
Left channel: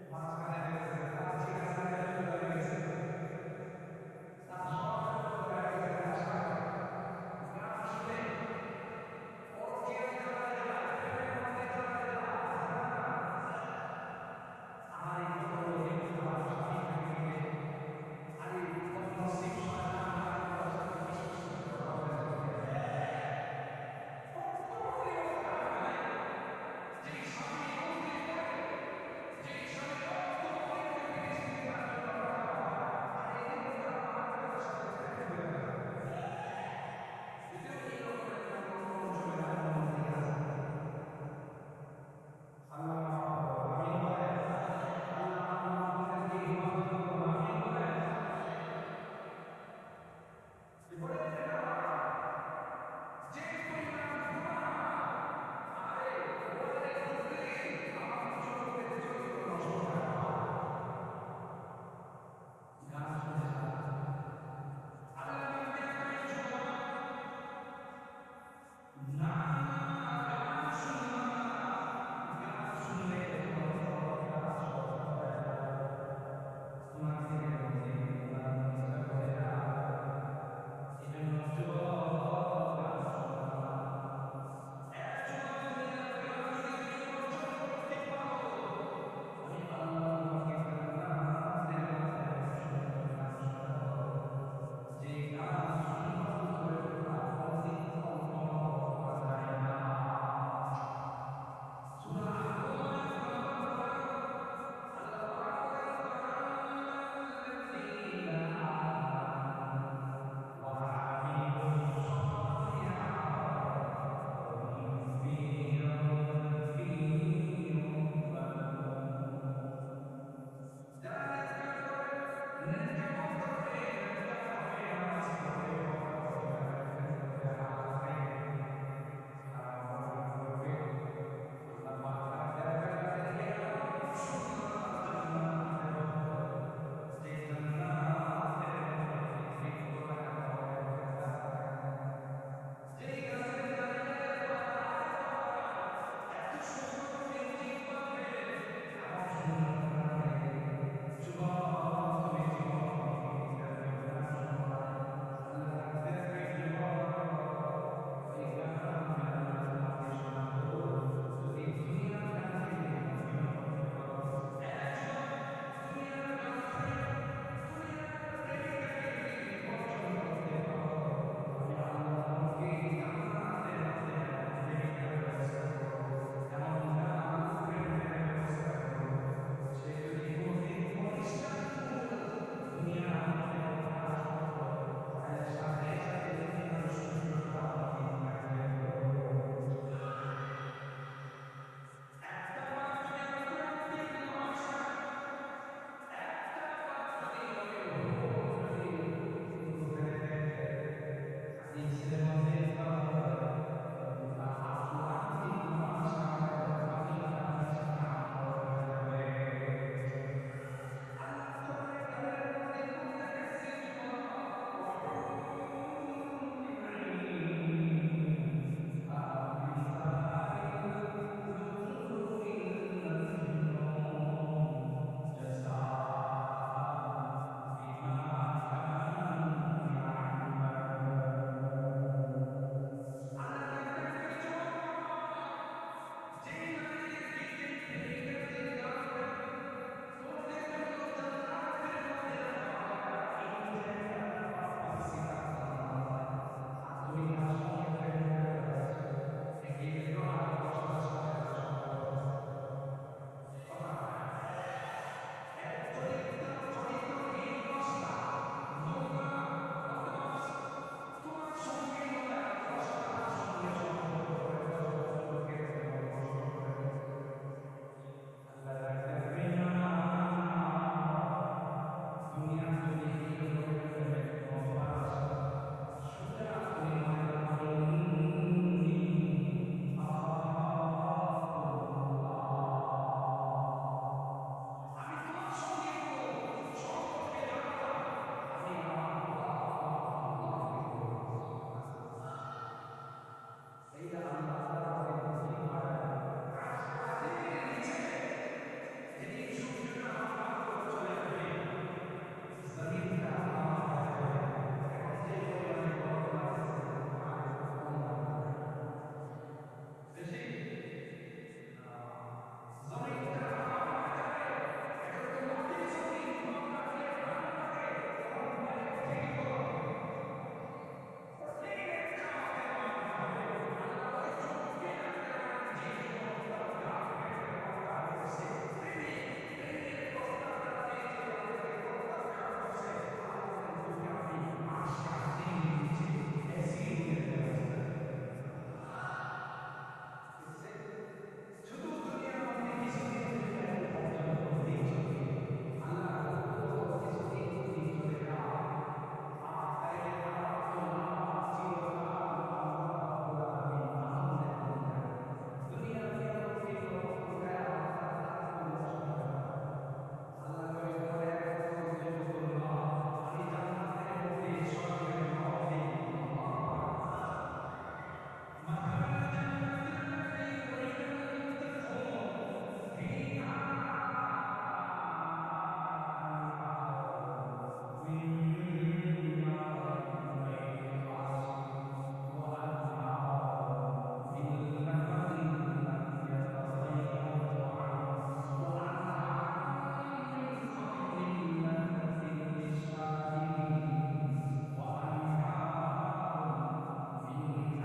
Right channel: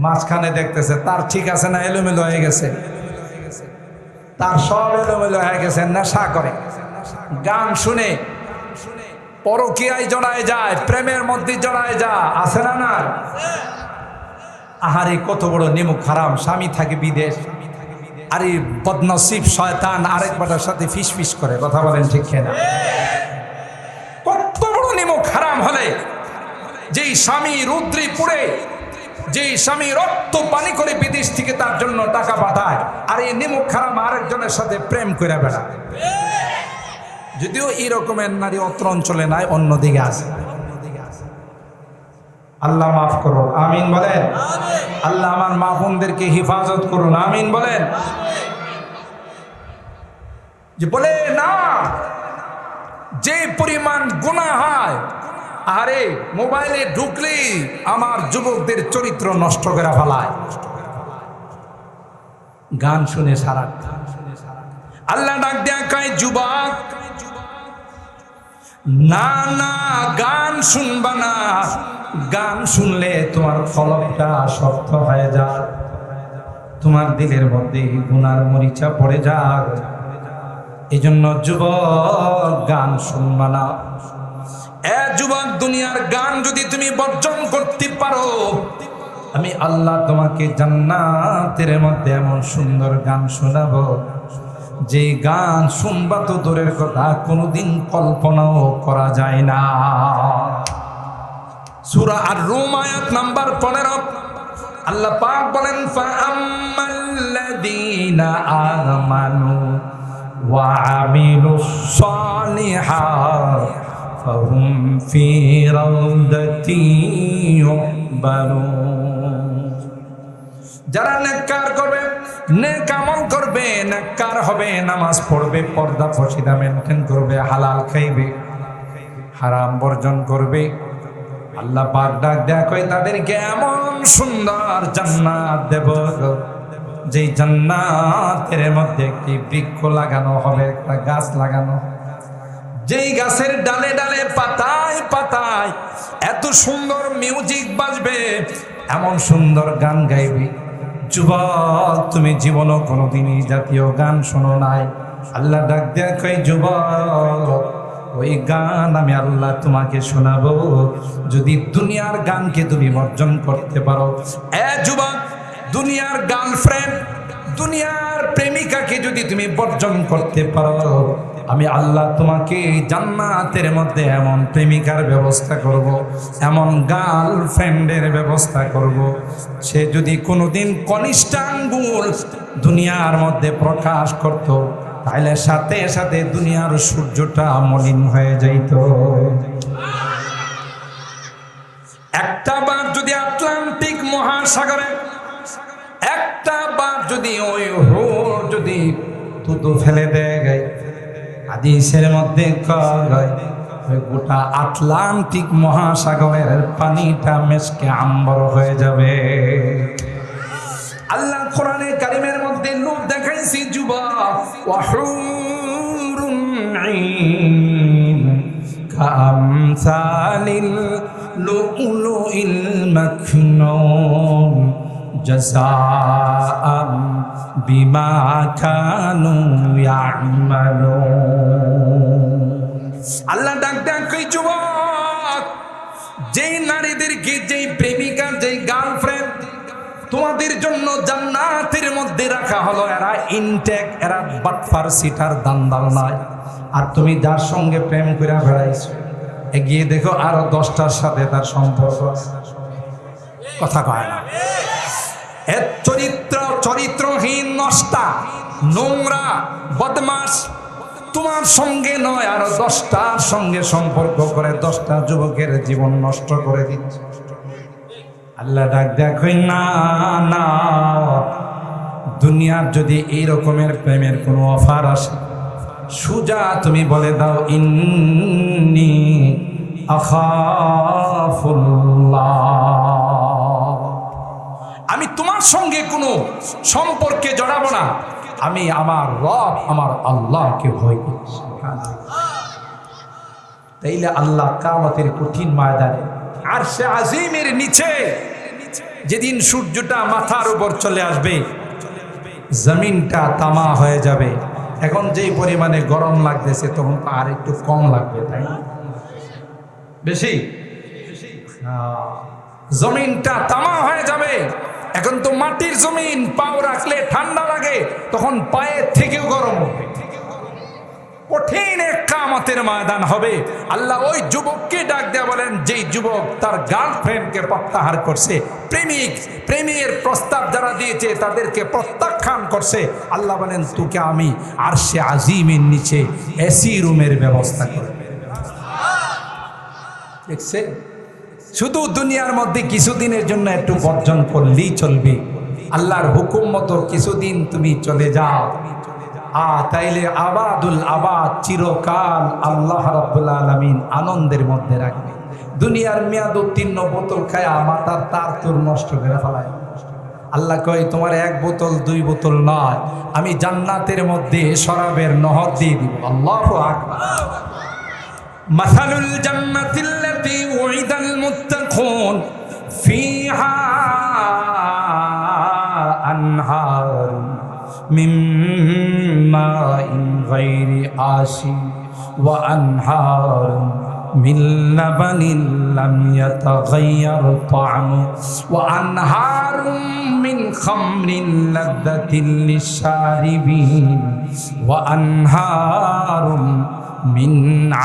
মাঝখানে দেখতেছে। তার ঠিক আছে না এলোমেলো হয়ে গেছে? তার সব এলোমেলো হয়ে গেছে। নেশা করে, গান শুনে, পরকীয়ায় জড়ায় যায়, প্রেমের মধ্যে জড়ায় যায়, আছে না? না, আহারে কত বড় নিমুখ হারাম। স্বামী থাকে বিদেশ, আরে বদনসিব শয়তান আরেক বাটার সাথে ফিস ফিস করে, কথা বলেন ঠিক না? কত বড় নিমুখ হারাম হলে যেই স্বামী রুদ্রে পুড়ে, যেই স্বামী রক্ত পানি করে বিদেশ থেকে তার জন্য টাকা পাঠায়, আর এই নিমুখ হারাম আরেকজনের সাথে প্রেম করে বেড়ায়। যদিও এই রকমের নারী অত্র অঞ্চলে নাই, অন্যদিকে আছে। আল্লাহ মাফ করুন, আমিন বলেন। আল্লাহ আমার মা বোনদেরকে হেফাজত করুন, আমিন বলেন। যে বলে না, যে পরিমাণ গুনাহ হয়, আরে মোবাইলে ঢুকলে আমার যুবকদের চরিত্র নষ্ট করে ফেলায়, গান শুনে সারা। আল্লাহ ডাক দেয়া কয়, যুবক না না গান শুনবা না, গান শুনলে তোমার কলবটা শক্ত হয়ে যায়, তোমার দিলের মধ্যে গুনার মরিচা পড়ে যায়। এই জন্য যুবক গান শুনবা না। যুবক, দুনিয়ার গান যদি তুমি বর্জন করতে পারো, আমি আল্লাহ তোমাকে জান্নাতের মধ্যে এমন সুন্দর গান শোনাবো, যে গান শুনবা তো দূরের কথা, কোনোদিন কল্পনাও করা যায় না। সূরা আর-রুম আয়াত নাম্বার 15, আল্লাহ পাক বলেন, ফাআম্মাল্লাযীনা আমানু ওয়া আমিলুস সালিহাত ফাহুম ফি রাউদাতি ইউহবারুন। যারা নেককার করবে, নেক আমল করবে, নেককার হবে, নামাজ পড়বে, পর্দা ফর্সিদা মেনটেন করবে, হালাল খাইবে, হারাম বর্জন করবে, আল্লাহ পাক ডাক দেয়া কয় তাদেরকে এমন সুন্দর জান্নাত দেব, যেই জান্নাতের মধ্যে একটি বৃক্ষ লাগানো হবে, একটা গাছ লাগানো, যেই গাছের ডালে ডালে পাতায় পাতায় এত সুন্দর মিউজিক বাজবে, এমন সুন্দর গান গাইবে। যুবক, তুমি জীবনও কোনোদিনই জাতীয় গান শোনো নাই। আল্লাহ ডাক দেয়া কয়, যুবক, ওই গান আমি আল্লাহ তোমাকে শোনাবো, যদি দুনিয়ার গানকে তুমি বর্জন করতে পারো। যুবক, দুনিয়ার গার্লফ্রেন্ড, দুনিয়ার প্রেমিকাকে যদি তুমি বর্জন করতে পারো, আমি আল্লাহ তোমাকে জান্নাতের মধ্যে এমন প্রেমিকার ব্যবস্থা করব, এমন গার্লফ্রেন্ডের ব্যবস্থা করব, সে যদি কোনোদিন কনিষ্ঠ আঙ্গুল দুনিয়ার মধ্যে প্রকাশ করত, তাহলে সাথে সাথে দুনিয়ার সূর্যটা মলিন হয়ে যাইত। একটা বার যদি আটলান্টিক মহাসাগরে এক যদি ওই হুর যদি থুতু ফেলে দেয়, হাদিসের মধ্যে কয় ওই গোটা আটলান্টিক মহাসাগরের পানিটা মেশকে আম্বর হয়ে যাবে। আল্লাহ কোরআনে কারিমের মধ্যে লোক দেখাইছি যুবক, ওয়াহুরুন ঈন কামসালিল লুলুইল মাকনুন জাযাআম বিমা কানু ইয়ামালুন। আল্লাহ ডাক ডাক কই যুবক, যেই নারীদেরকে, যেই প্রেমিকা, যেই গার্লফ্রেন্ড তোমাদের জন্য জান্নাতের মধ্যে রাখা হলো, এরা ইনটেক, এরা বাটফার সিটার দান্দাল নয়। আর তুমি যার সঙ্গে প্রেম করে বেড়াইছো, এগিয়ে দেখো আরো 10টার সাথে তার সম্পর্ক আছে। কথা কয় না? এর চরিত্রহীন, নষ্টা, নোংরা, বদমাস তোমার সঙ্গে নয়, আরো 10টার সঙ্গে সম্পর্ক করে 10টা যুবকের জীবন নষ্ট করে দিচ্ছে। আল্লাহ ডাক দেখই না না, দুনিয়ার যদি এই রকমের প্রেমের কোনো অফার আসে, সুজা তুমি বলে দাও ইন্নী আখাফুল্লাহ, আমি তোমার সঙ্গে কোনো সম্পর্কে জড়াবো না, আমি আমার রব, আমার আল্লাহকে ভয় করছি। তাইলে আল্লাহ কিয়ামতের কঠিন ময়দানে আরশে আজিমের নিচে যেদিন সূর্যটা মাথার উপর চলে আসবে, জমিনটা তামা হয়ে যাবে। এখন যেই পরিমাণে গরম লাগতেছে, তখন আর একটু কম লাগবে, তাই না? বেশি জমিনটা তামা হয়ে যাবে। এখন তো মাটির জমিন, পাও রাখলে ঠান্ডা লাগে, তখন পায়ের থেকেও গরম হবে। কঠিন এক কিয়ামতের ময়দান হবে। আল্লাহ ওই যুবককে ডাক দেয়া বলেন, যেই যুবক তার গার্লফ্রেন্ডকে প্রত্যাহার করছে, প্রেমের প্রস্তাব যারা দিয়েছে তাদেরকে প্রত্যাখ্যান করছে, আল্লাহ বলেন তোকে আমি আরশে আজিমের নিচে এসি রুমের ব্যবস্থা করব। দেখছে, শুধু দুনিয়ার মধ্যে কিছুদিনের জন্য একটু বর্জন করলেই চলবে। আল্লাহর হুকুম মতো কিছুদিন তুমি চলে যাও, তাইলে আবাদুল আবাদ, চিরকাল আল্লাহ রাব্বুল আলামিন আনন্দের মধ্যে রাখবে। দুনিয়ার মেয়াদ উত্তীর্ণ বোতল খায়া মাথার তার তোর নষ্ট করে ফেলায়। আল্লাহ কয় তোমার 1 বোতল 2 বোতল নয়, আমি জান্নাতের মধ্যে শরাবের নহর দিয়ে দিব। আল্লাহু আকবার। মাসালুল জান্নাতিল্লাতী উইদাল মুত্তাকুন ফিহা আনহার মিন মাইন গায়রি আসিন ওয়া আনহার মিন লাবানিন লাম ইয়াতাগায়্যার তা'মু ওয়া আনহার মিন খামরিন লাযযাতিন লিশ-শারিবিন ওয়া আনহার মিন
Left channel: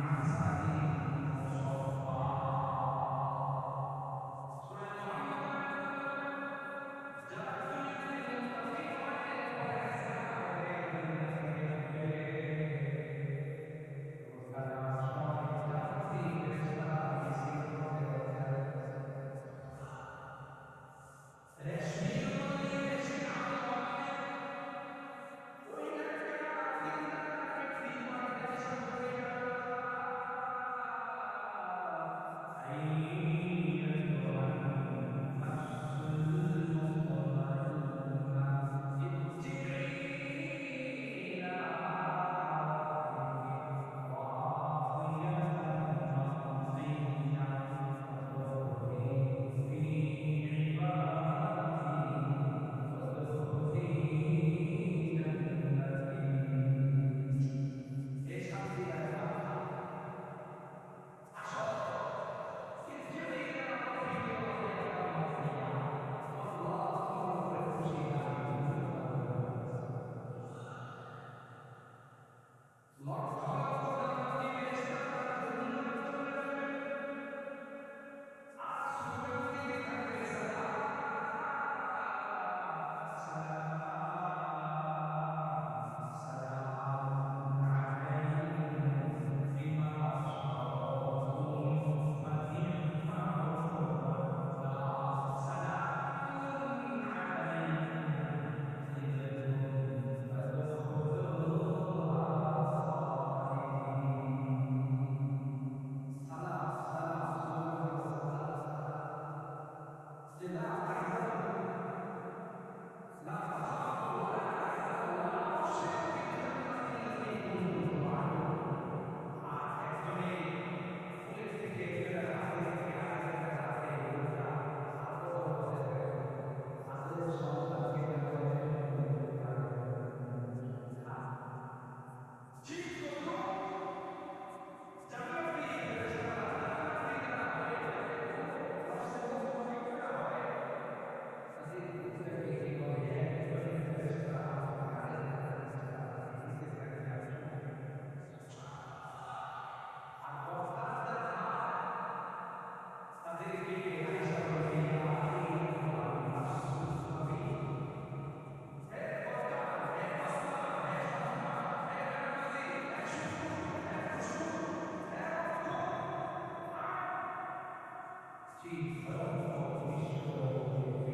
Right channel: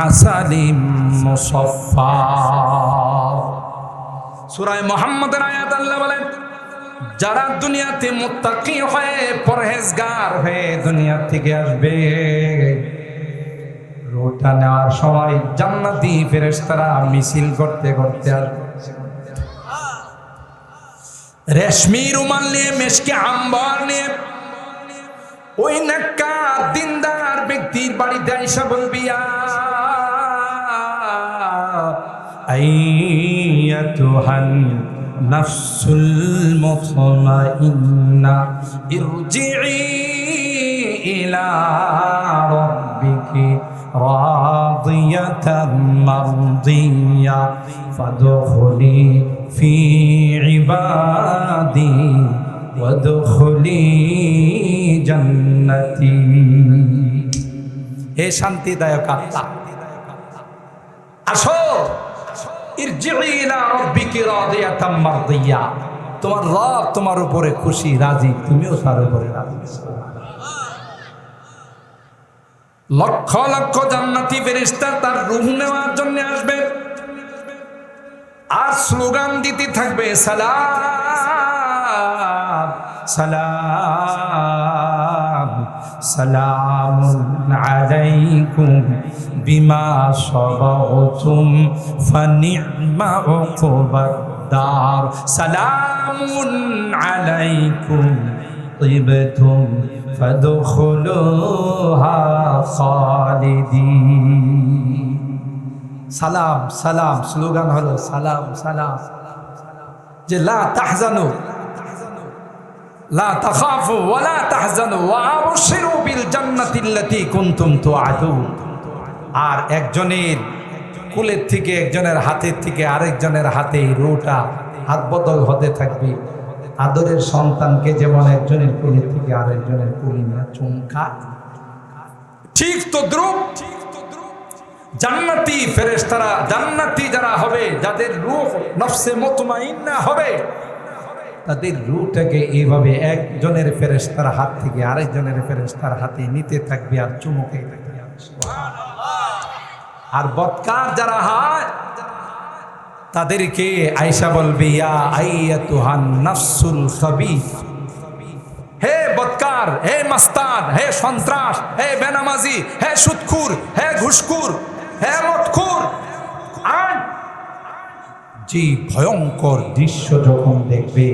আসালিম মুসাফফা। সূরা মুহাম্মদের আয়াত আল্লাহ বলেন, যারা দুনিয়াতে মুত্তাকি হয়ে, পরহেজগার হয়ে দুনিয়া থেকে আসবে, রোটা নেওয়ার সময় জান্নাতি ফেরেশতারা মিছিল করতে করতে আসবে, রেশমি রুমাল নিয়ে, মেশকে আম্বার নিয়ে। ওই নেককার দিনদার ব্যক্তির বাড়িতে আইসা বলবি, আইয়াতুহান নাফসুল মুতমাইন্না ইরজিই ইলা রাব্বিকি রাদিয়াতাম মারদিয়া ফাদখুলি ফি ইবাদি ওয়াদখুলি জান্নাতি। হে শান্তিদায়ক আত্মা, আসো, ইরজিই ইলা রাব্বিকি রাদিয়াতাম মারদিয়া, তোমার রব তোমার উপরে খুশি, রাজি, তুমিও তার উপরে রাজি। লক্ষ লক্ষ জান্নাতি ফেরেশতা তার রূহ নেওয়ার জন্য আসবে, আর স্লোগান দিতে থাকবে, সালাম সালাম সালামুন আলাইকুম বিমা সাবাতুম ফানি'মা উকুবাদ দার। সালামুন আলাইকুম طبتم فادخلوها خالدين। সালাম সালাম স্লোগান হলো সালাম সালাম, যে লা তাহজানু লা তাখাফু ওয়া লা তাহজানু ওয়া আবশিরু বিল জান্নাতিল্লাতী কুনতুম তুআদুন। আর একজনের কোলের থেকে, একজনের হাতের থেকে আরেকজনের হাতে রুটা হাত বদল হতে থাকবে। আদরের সন্তানকে যেমন একজনের কোলের থেকে আরেকজনের কোলে নিয়ে চুমকা, ঠিক তদ্রুপ জান্নাতি ফেরেশতারা, জান্নাতি যারা হবে, যাদের রূহ নফসে মুতমাইন্না হবে, তাদের রূহটাকে এইভাবে একজনের ফেরেশতার হাত থেকে আরেকজনের ফেরেশতার হাতে নিতে থাকবে আর চুমুকে থাকবে। আর বদকার যারা হয় তাদেরকে আয়েশা বলবে, ইয়া আইয়াতুহান নাফসুল খাবিস, হে বদকার, হে মাস্তান, হে সন্ত্রাস, হে বেনামাজি, হে সুদখোর, হে ঘুষখোর, হে মদখোর। আর যে ভয়ঙ্কর দৃশ্য যখন দেখবে,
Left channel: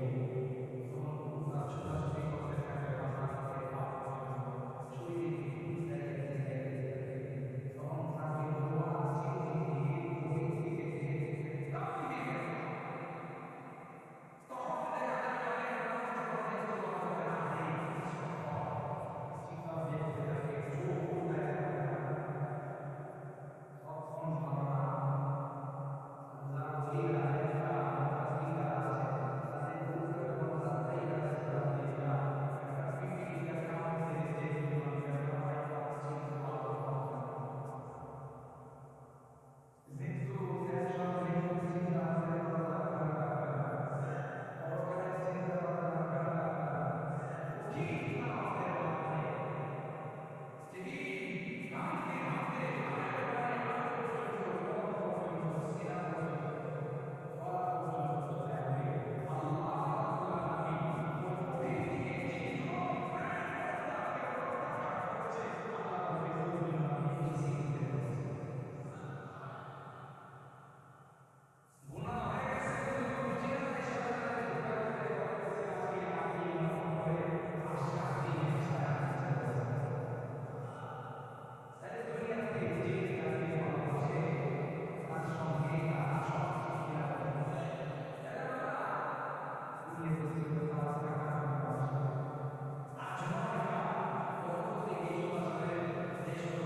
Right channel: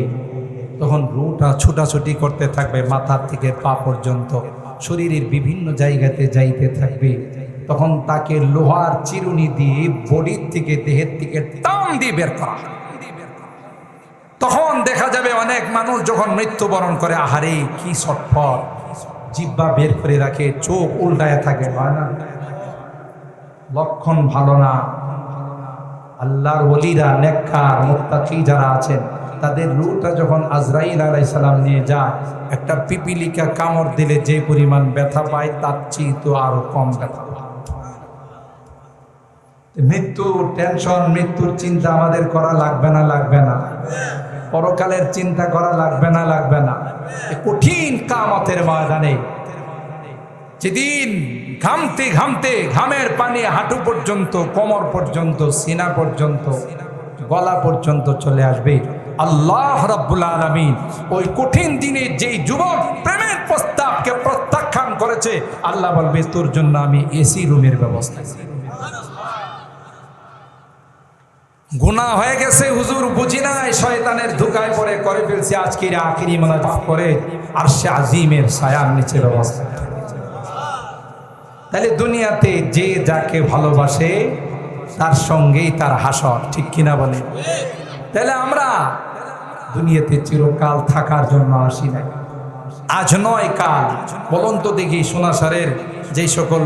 তখন রুটা ছুটাছুটি করতে থাকবে, মাথার থেকে পা পর্যন্ত শরীরের বিভিন্ন জায়গাতে যাইতে থাকবে। তখন তাকে লোহার চিরুনি দিয়ে বডির থেকে, দেহের থেকে টান দিয়ে বের করা। তখন দেখা যাবে অনেক মানুষ যখন মৃত্যুবরণ করে, আহারে কি ছটফট, জিহ্বা বের করে রাখে, চোখ উল্টায় থাকে, হয় না? লক্ষণ ভালো না। আল্লাহর ওলিরা, নেককার মুত্তাকি যারা আছেন, তাদের রূহটা যখন আজরাইল আলাইহিস সালাম নিয়ে যায়, একটা পিপিলিকা কামড় দিলে যে পরিমাণ ব্যথা পায়, তার চেয়ে তো আরো কম ব্যথা পায়। মৃত্যুর টেনশন, মৃত্যুর চিন্তা আমাদের করা লাগবে না? লাগবে না? পরকালের চিন্তা করা লাগবে না? লাগবে না? কঠিন কিয়ামতের ময়দানে যেদিন ঘামতে ঘামতে ঘামের পানি হাঁটু পর্যন্ত, কোমর পর্যন্ত, সিনা পর্যন্ত, গলা পর্যন্ত চলে আসবে, আল্লাহ রাব্বুল আলামিন ওই কঠিন দিনে যেই যুবক প্রেমের প্রস্তাবকে প্রত্যাখ্যান করেছে, আল্লাহ বলবে, তোর জন্য আমি এসি রুমের ব্যবস্থা করেছি। গুনাহ হয়ে গেছে হুজুর, বুঝি নাই, শয়তানের ধোঁকায় পড়ে করে ফেলছি, আজকের আখিরি মোনাজাত করে আরশে আজিমের ছায়ার নিচে ব্যবস্থা। তাহলে দুনিয়াতে যে যাকে ভালোবাসে তার সঙ্গেই তার হাসর, ঠিক কিনা বলে? তাহলে আমরা দুনিয়াতে চিরকাল থাকার জন্য আসি না, আজ নয় কাল। বলুন তো দেখি, সোনাসারের যেই সকল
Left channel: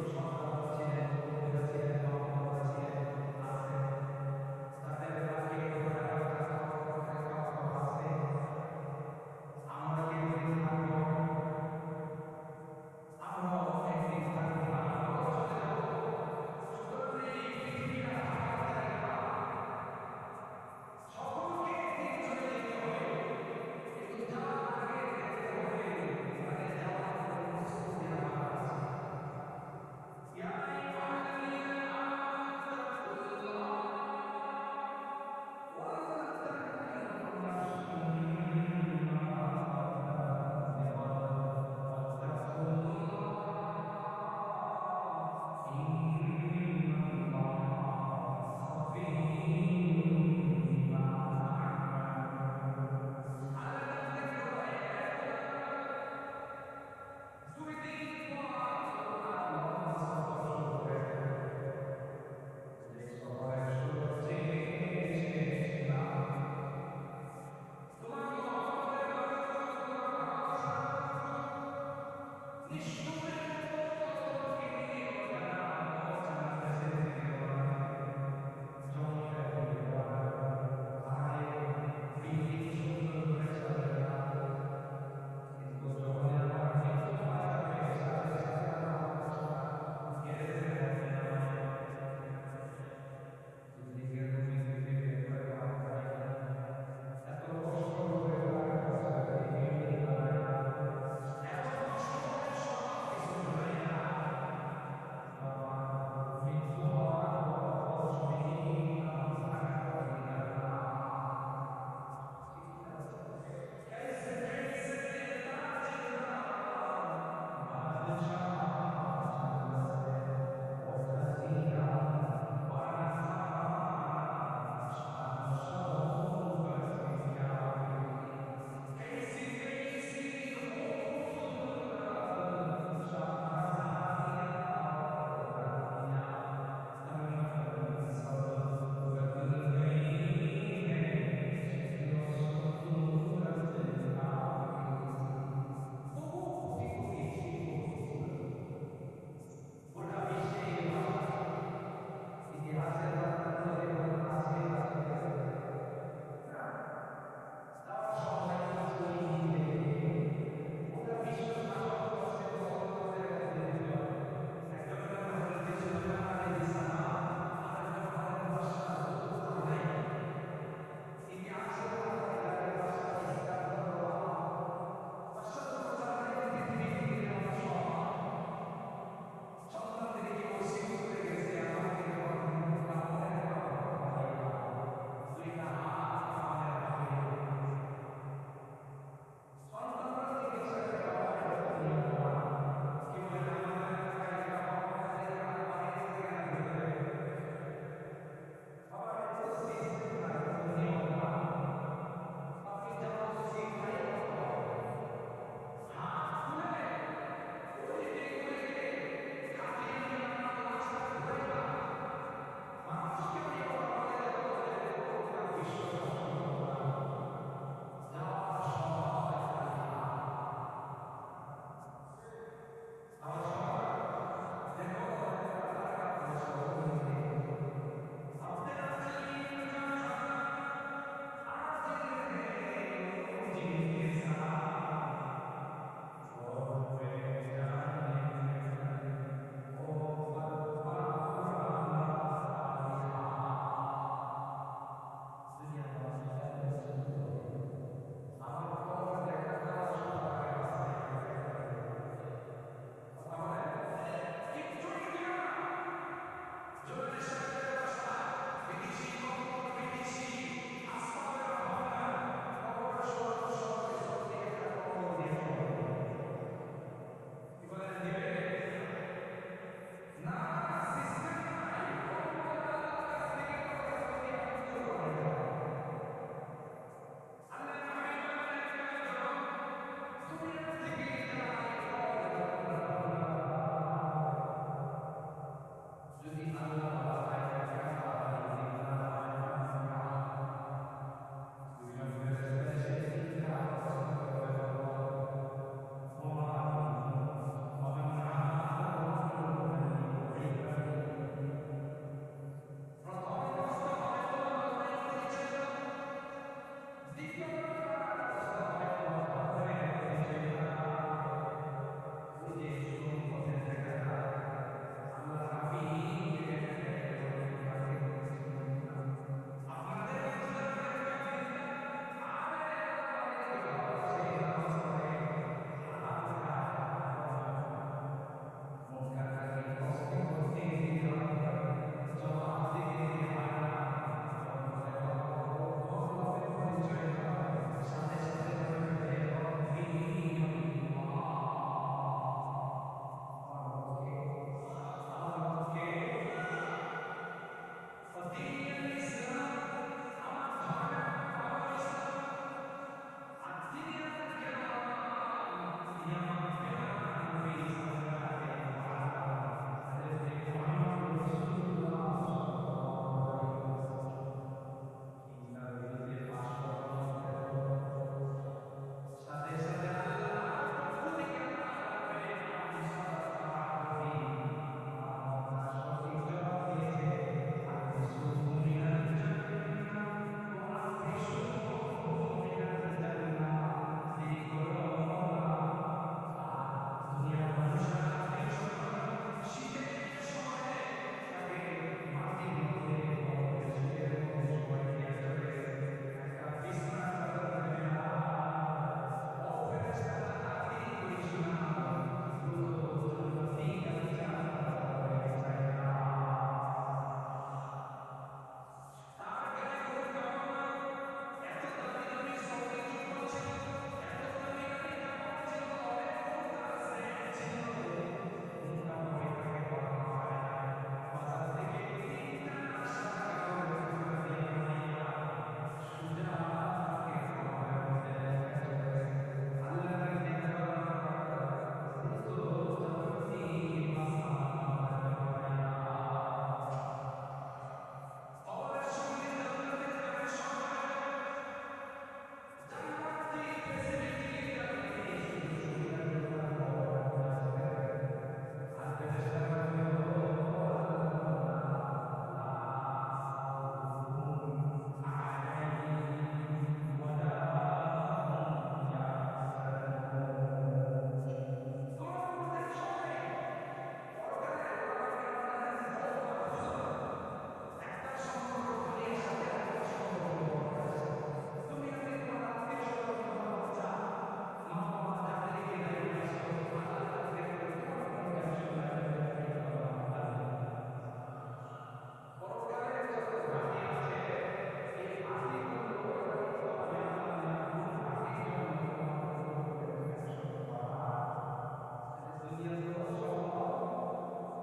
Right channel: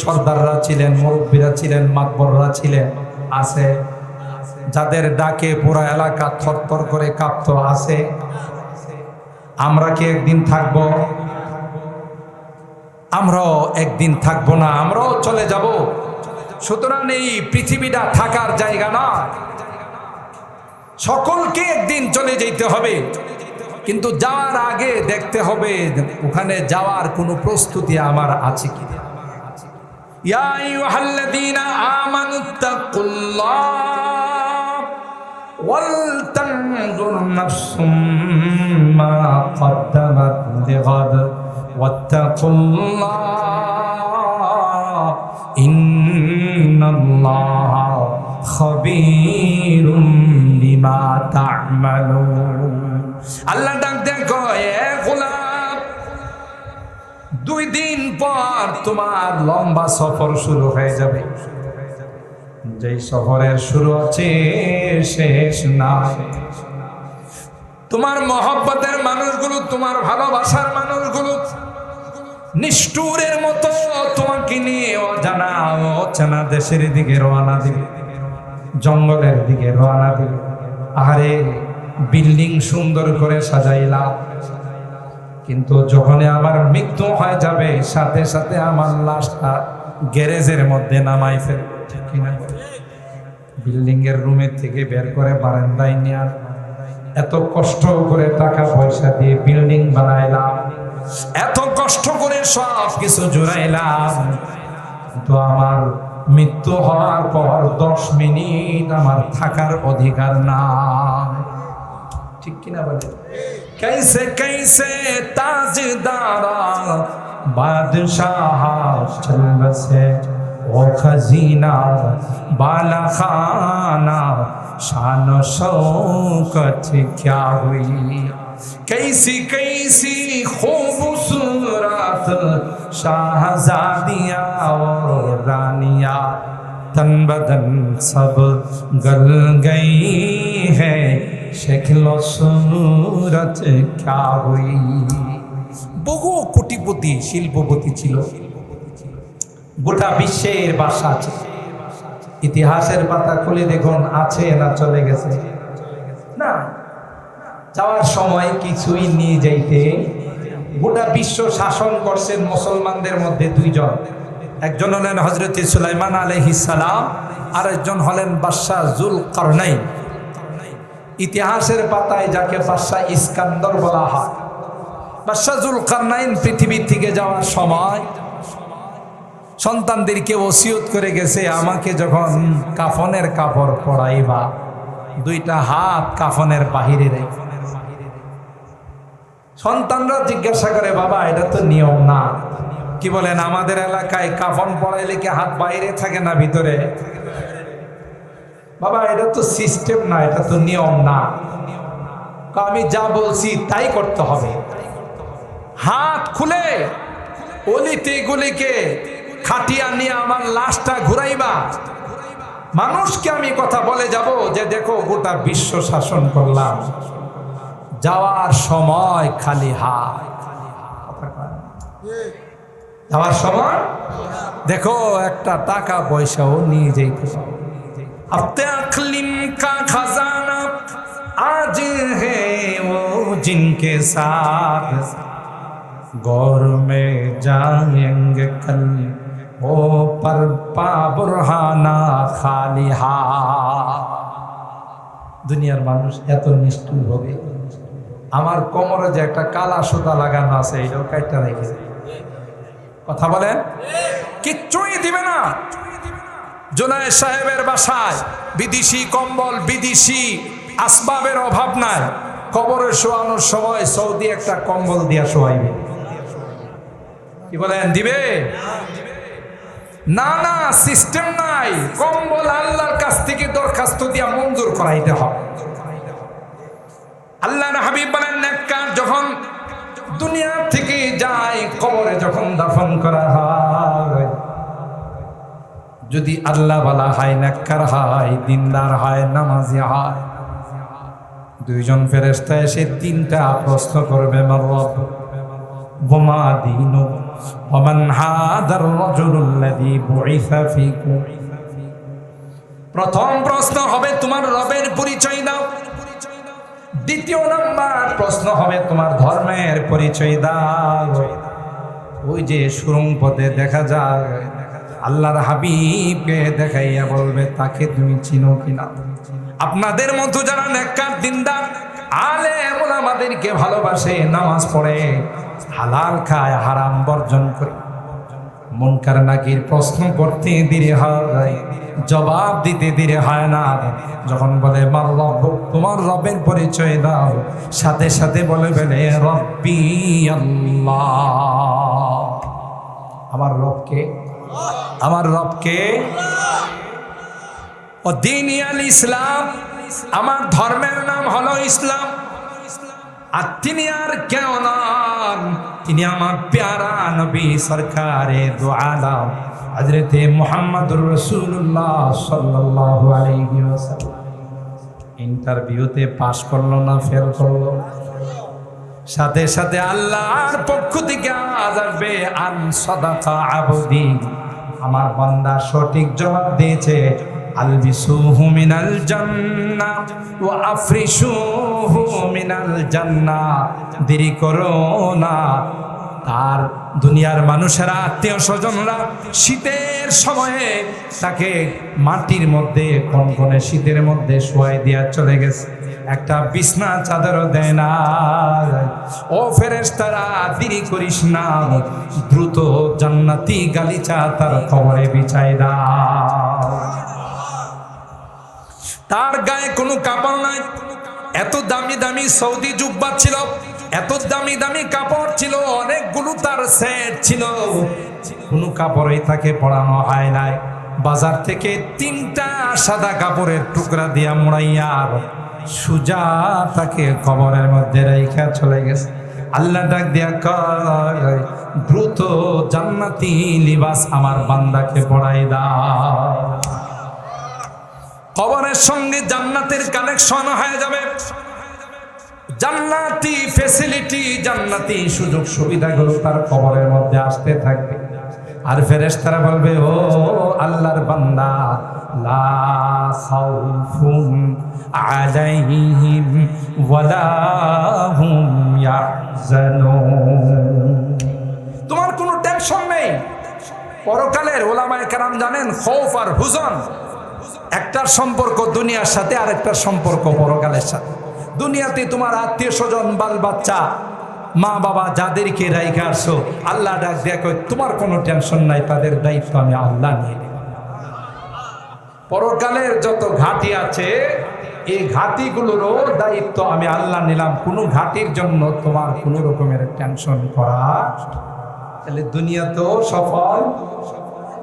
সর্দাররা ছিলেন, মুরব্বীরা ছিলেন, মাতবররা ছিলেন, আছে যাদের ডাকে পুরা এলাকা থরথর করে কাঁপতো, আছে? আমরা কি একদিন থাকবো? আমরাও একদিন থাকবো না, আমরাও চলে যাব। সুতরাং এই পৃথিবীটা থাকার জায়গা না, সকলকে একদিন চলে যেতে হবে। কিন্তু যাওয়ার আগে দেখতে হবে ওখানে যাওয়ার কোনো প্রস্তুতি আমার আছে কি। ইয়া আইয়ুহাল্লাযীনা আমানুত্তাকুল্লাহ ওয়াল তানজুর নাফসুম মা কদ্দামাত লিগাদ ওয়াত্তাকুল্লাহ ইন্নাল্লাহা খাবীরুম বিমা তা'মালুন। আল্লাহ ডাক দেন, কয়, এ গোলাম, 2 দিন পর তোমার লম্বা সফর শুরু হয়ে যাবে। যেই সফরের শুরু আছে শেষ নাই। তোমার মহব্বতের মানুষগুলো, তোমার ভালোবাসার মানুষগুলো নিষ্ঠুরের মতো তোমাকে নিয়ে অজানা অচেনা দেশের দিকে রওনা দিবে, জঙ্গলের দিকে রওনা দিবে। আরে বিল্ডিং সুন্দর করে সাজাইলাম, কিন্তু যখন আমার মৃত্যু হয়ে যাবে, সাথে সাথে আমার লাশটা গ্যারেজের মধ্যে নামাই ফেল, ঠিক কিনা? বিল্ডিং এর রুমের থেকে বের করে বারান্দায় নিয়ে এত কষ্ট করে টাকা পয়সা দিয়ে বিল্ডিং বানাইলাম, এত কষ্ট করে সব কিছু জোড়াইলাম, কিন্তু আমার মৃত্যু হওয়ার পর 10 মিনিট আমার থাকার অধিকার না, ঠিক কিনা বলে? कैसे कैसे ताजदारा बादशाह चल बसे वो खजीना बाला खाना शान शौकत क्या हुई। कैसी कैसी खूबसूरत शाहजादियाँ और रानियाँ, तन बदन सब गल गई है, शक्ल सूरत क्या हुई। বহু কোটিপতি শিল্পপতি ছিল, গোটা বিশ্বের বাদশা আছে। ইতিহাসের পাতা খুলে দেখুন আছে না চলে গেছে? না, যাওয়ার সময় কিছুই নিয়ে যাইতে। গোটা বিশ্ব শাসন করছেন মুসলমানদের মধ্যে দুইজন, একজন হলেন হযরত সুলাইমান আলাইহিস সালাম, আর একজন হলেন বাদশা যুলকারনাইন। ইতিহাসের পাতায় যাকে বাদশা ইস্কান্দর বলা হয়, বাদশা যুলকারনাইন পৃথিবী থেকে যাওয়ার সময় সন্তানদেরকে ওসিয়ত করে গেছে, আমাকে যখন কাফনের কাপড় পরাইবা দুইটা হাত কাফনের বাহিরে রেখে। সন্তানরা জিজ্ঞাসা করে, বাবা এটা তো নিয়ম না। কি বলেন, আমাদের এলাকায় কাফন পরাইলে কি হাত বাইরে থাকে না ভিতরে? বাবা এটা তো সিস্টেম না, এটা তো নিয়ম না। আমি যা বলছি তাই করতে হবে। হাত খুলে অলিতে গলিকে খাটিয়া নিয়ে আমার লাশটা ঘুরাইবা, মানুষকে আমি কথা বলে যাব যে দেখো গোটা বিশ্ব শাসন করলাম, যাওয়ার সময় খালি হাত। যাওয়ার সময় দেখো একটা টাকা পয়সাও নিয়ে যাইতে। अपने अक़लिम का खजाना आज है वो जिनके साथ गौर में जाएंगे कल वो पर पा बुरहाना खाली हाथ। দুনিয়ার মানুষ এত নিষ্ঠুর হবে, আমার কোমরে যে একটা কালা সুতা লাগানো আছে এটাও কাটটা রেখেছে। কথা বলেন, কিচ্ছুই দিবে না। জুনায়েদ সাহেবের বাসায় বিদেশি কম্বল, বিদেশি আসবাবের অভাব নাই। কবরে শোয়ানোর সময় সৌদি একটা কম্বল দিয়া শোয়াইবে। কি বলেন, দিবে? না না, সিস্টেম নাই। কম্বল আল্লাহর কাছ থেকে দরখাস্ত দিয়া মঞ্জুর করাইতে হবে। আল্লাহর হাবিব বলেন, নেককার যখন দুনিয়া থেকে যায়, কবরে যখন দাফন করা হয়, যদি আল্লাহ ওয়ালা হয়, নেককার হয়, দিনদার হয়, নামাজি হয়, দুইজন ফেরেশতা এসে তিনটা প্রশ্ন করবে, মা রব্বুক ওয়া মা দীনুক ওয়া মান হাদার রাজুলুল্লাযী বুইসা ফীকুম। প্রথম প্রশ্ন হবে তোমার রবের পরিচয় দাও। দ্বিতীয় নাম্বার প্রশ্ন হবে তোমার ধর্মের পরিচয় দাও। ওই যে সুরঙ্গ পথে দেখা যায় আল্লাহর হাবিবকে দেখাইয়া বলবে তাকে তুমি চিনো কিনা। আপনাদের মতো যারা নেককার দিনদার আলেম ওলামাদেরকে ভালোবাসে, নামাজ পড়ে, হালাল খায়, হারাম বর্জন করে, মুনকার নাকির প্রশ্ন করতে দেরি হয়, জবাব দিতে দেরি হয় না। যখন বলে মা রব্বুক, তোমার রবের পরিচয় দাও, সাথে সাথে বলে ফেলে রব্বি আল্লাহ। আমার রবকে, আমার রবকে। ও দ্বীনি আল ইসলাম, আমার ধর্মের নাম হলো ইসলাম। আর তিনি আর কেউ নন, তিনি আমার প্যারা নবী সরকারে দু আলম হযরতে মুহাম্মদুর রাসূলুল্লাহ সাল্লাল্লাহু আলাইহি ওয়াসাল্লাম। ইন্টারভিউতে পাস করলো না ফেল করলো, সাথে সাথে আল্লাহর পক্ষ থেকে আওয়াজ আসবে, আন সাদাকা আবদি, আমার বান্দা সঠিক জবাব দিয়েছে। আলবিসুহু মিনাল জান্নাহ ওয়া আফরিশুহু মিনাল জান্নাহ। দেরি করো না। তার দুনিয়ার মানুষেরা, আত্মীয় স্বজনরা শীতের সময়ে তাকে মাটির মধ্যে, কনকনে শীতের মধ্যে শোয়াই দিয়া চলে গেছে, একটা বিছনা চাদরও দেয় না। ও ফেরেশতারা, দেরি করিস না, দ্রুত জান্নাতি গালিচা তার কবরে বিছাই দাও। তার গায়ে কোনো কাপড় নাই। এত দামি দামি সৌদি জুব্বা ছিল, এত দামি দামি কাপড় ছিল, অনেকগুলো তার সেট ছিল, কোনো কাপড়ই তাকে পরানো হয় নাই। বাজার থেকে তিনটা সাদা কাপড়ের টুকরা দিয়া মোড়াইয়া সুজা তাকে কবরের মধ্যে রেখে চলে গেছে। আল্লাহ ডাক দিয়া কয়, দ্রুত জান্নাতি লিবাস আমার বান্দাকে পরাই দাও। কবরের সঙ্গে জান্নাতের কানেকশন হয়ে যাবে, জান্নাতি ফ্যাসিলিটি, জান্নাতি সুযোগ সুবিধাগুলো তার কবরের মধ্যে আসতে থাকবে। আর ফেরেশতারা বলবে, ও আল্লাহর বান্দা, লা খাউফুন আলাইহিম ওয়ালা হুম ইয়াহজানুন। তোমার কোনো টেনশন নেই। পরকালের ওলামায়ে কেরাম জানেন, খৌফ আর হুজন একটার সম্পর্ক দুনিয়ার সাথে, আর একটার সম্পর্ক পরকালের সাথে। দুনিয়াতে তোমার আত্মীয় স্বজন, বাল বাচ্চা, মা বাবা যাদেরকে রাইখা আসো, আল্লাহ ডাক দেখো তোমার কোনো টেনশন নাই, তাদের দায়িত্ব আমি আল্লাহ নিয়ে নেব। পরকালের যত ঘাঁটি আছে, এই ঘাঁটিগুলোরও দায়িত্ব আমি আল্লাহ নিলাম। কোনো ঘাঁটির জন্য তোমার কোনো রকমের টেনশন করা, তাহলে দুনিয়াতেও সফল,